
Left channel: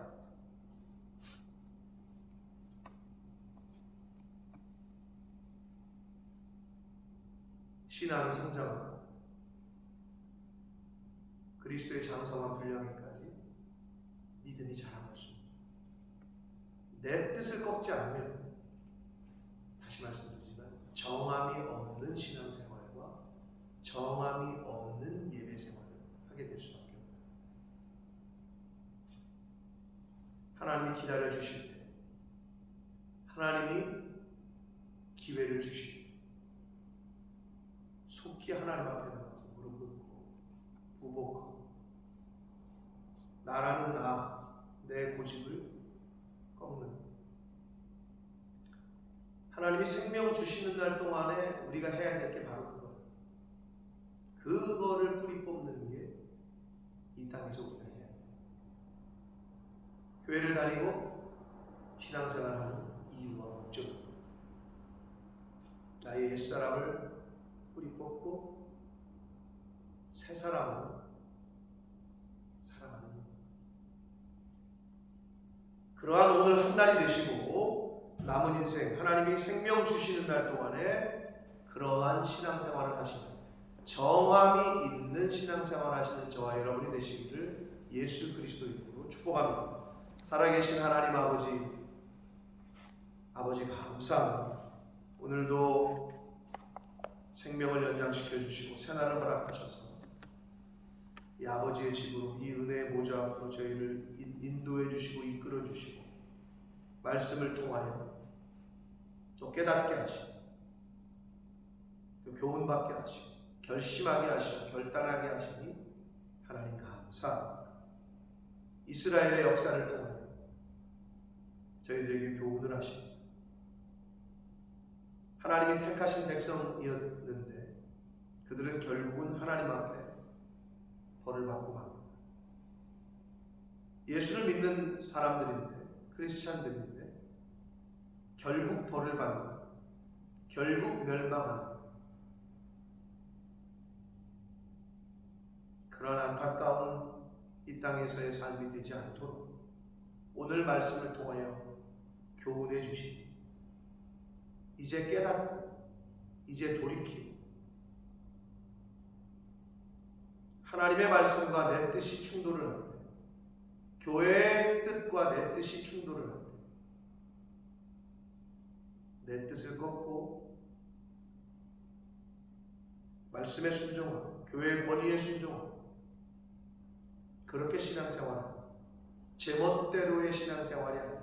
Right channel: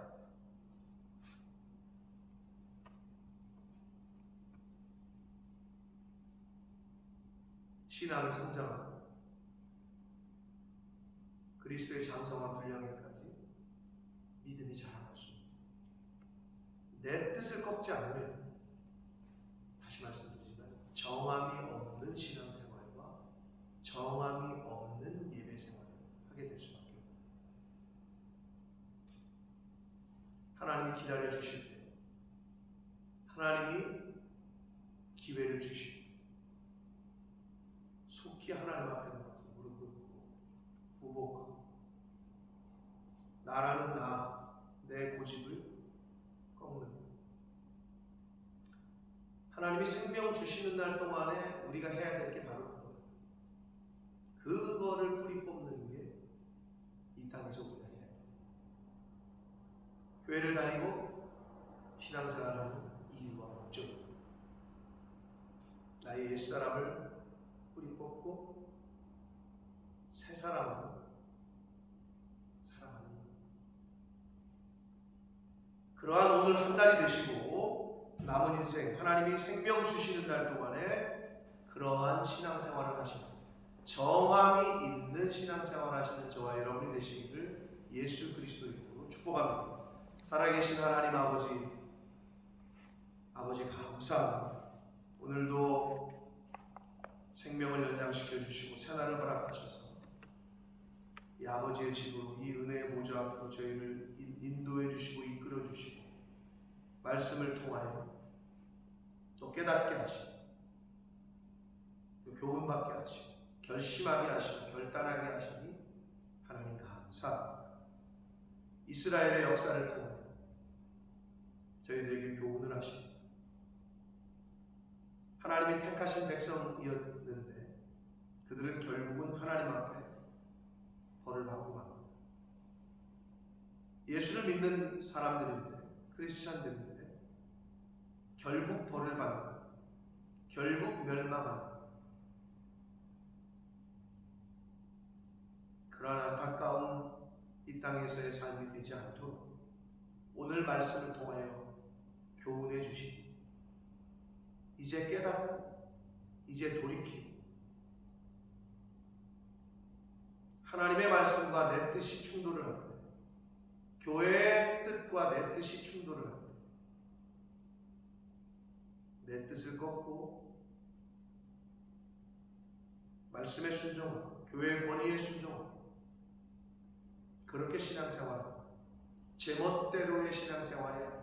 신앙이 성장하고 그리스도의 장성한 분량에까지 믿음이 자라갈 수 있습니다. 내 뜻을 꺾지 않으면, 다시 말씀드리지만, 정함이 없는 신앙생활과 정함이 없는 예배생활을 하게 될 수밖에 없습니다. 하나님이 기다려 주실 때, 하나님이 기회를 주실 때 속히 하나님 앞에 나가서 무릎 꿇고 부복하고 나라는 내 고집을 꺾는, 하나님이 생명 주시는 날 동안에 우리가 해야 될 게 바로 그거예요. 그거를 뿌리 뽑는 게 이 땅에서 우리가 해야 돼요. 교회를 다니고 신앙생활하는 이유와 목적, 나의 옛사람을 뿌리 뽑고 새 사람으로 살아가는, 그러한 오늘 한 날이 되시고 남은 인생 하나님이 생명 주시는 날 동안에 그러한 신앙생활을 하시는, 정함이 있는 신앙생활 하시는 저와 여러분이 되시기를 예수 그리스도 이름으로 축복합니다. 살아계신 하나님 아버지 감사합니다. 오늘도 생명을 연장시켜 주시고 새날을 허락하셔서 이 아버지의 집으로, 이 은혜의 보좌 앞으로 저희를 인도해 주시고 이끌어 주시고 말씀을 통하여 또 깨닫게 하시고 또 교훈받게 하시고 결심하게 하시고 결단하게 하시니 하나님 감사합니다. 이스라엘의 역사를 통하여 저희들에게 교훈을 하십니다. 하나님이 택하신 백성이었는데 그들은 결국은 하나님 앞에 벌을 받고 맙니다. 예수를 믿는 사람들인데, 크리스찬들인데 결국 벌을 받는, 결국 멸망하는 그런 안타까운 이 땅에서의 삶이 되지 않도록 오늘 말씀을 통하여 교훈해 주시니 이제 깨닫고 이제 돌이키고 하나님의 말씀과 내 뜻이 충돌을 할 때, 교회의 뜻과 내 뜻이 충돌을 할 때 내 뜻을 꺾고 말씀에 순종하고 교회의 권위에 순종하고 그렇게 신앙생활은 제멋대로의 신앙생활이 아니라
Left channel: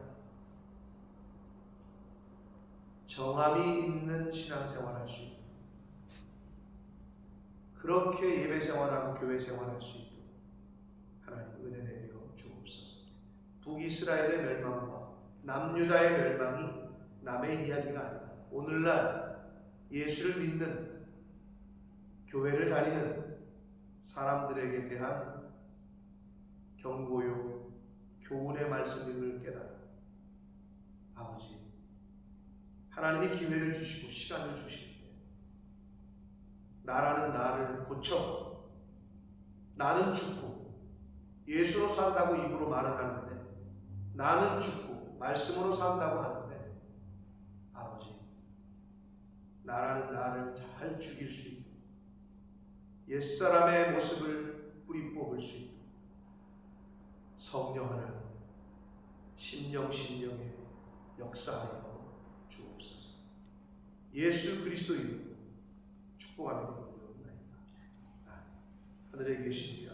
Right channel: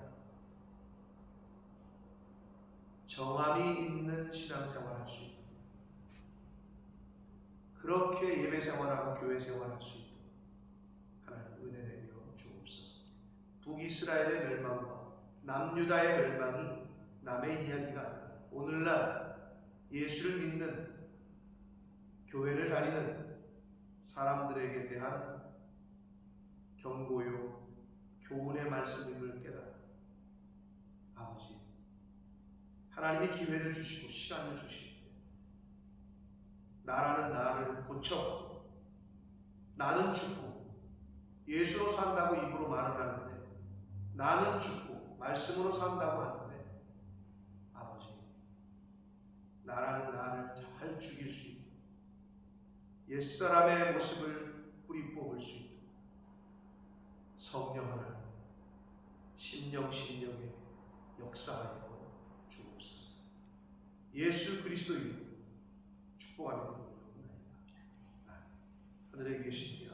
정함이 있는 신앙생활 할 수 있도록 그렇게 예배생활하고 교회생활할 수 있도록 하나님 은혜 내려 주옵소서. 북이스라엘의 멸망과 남유다의 멸망이 남의 이야기가 아니라 오늘날 예수를 믿는 교회를 다니는 사람들에게 대한 경고요 교훈의 말씀임을 깨달아 아버지 하나님이 기회를 주시고 시간을 주실 때 나라는 나를 고쳐 나는 죽고 예수로 산다고 입으로 말은 하는데 나는 죽고 말씀으로 산다고 하는데 아버지 나라는 나를 잘 죽일 수 있도록 옛사람의 모습을 뿌리 뽑을 수 있도록 성령 하나님 심령에 역사하여 주옵소서. 예수 그리스도 이름으로 축복하며 기도드리옵나이다. 하늘에 계신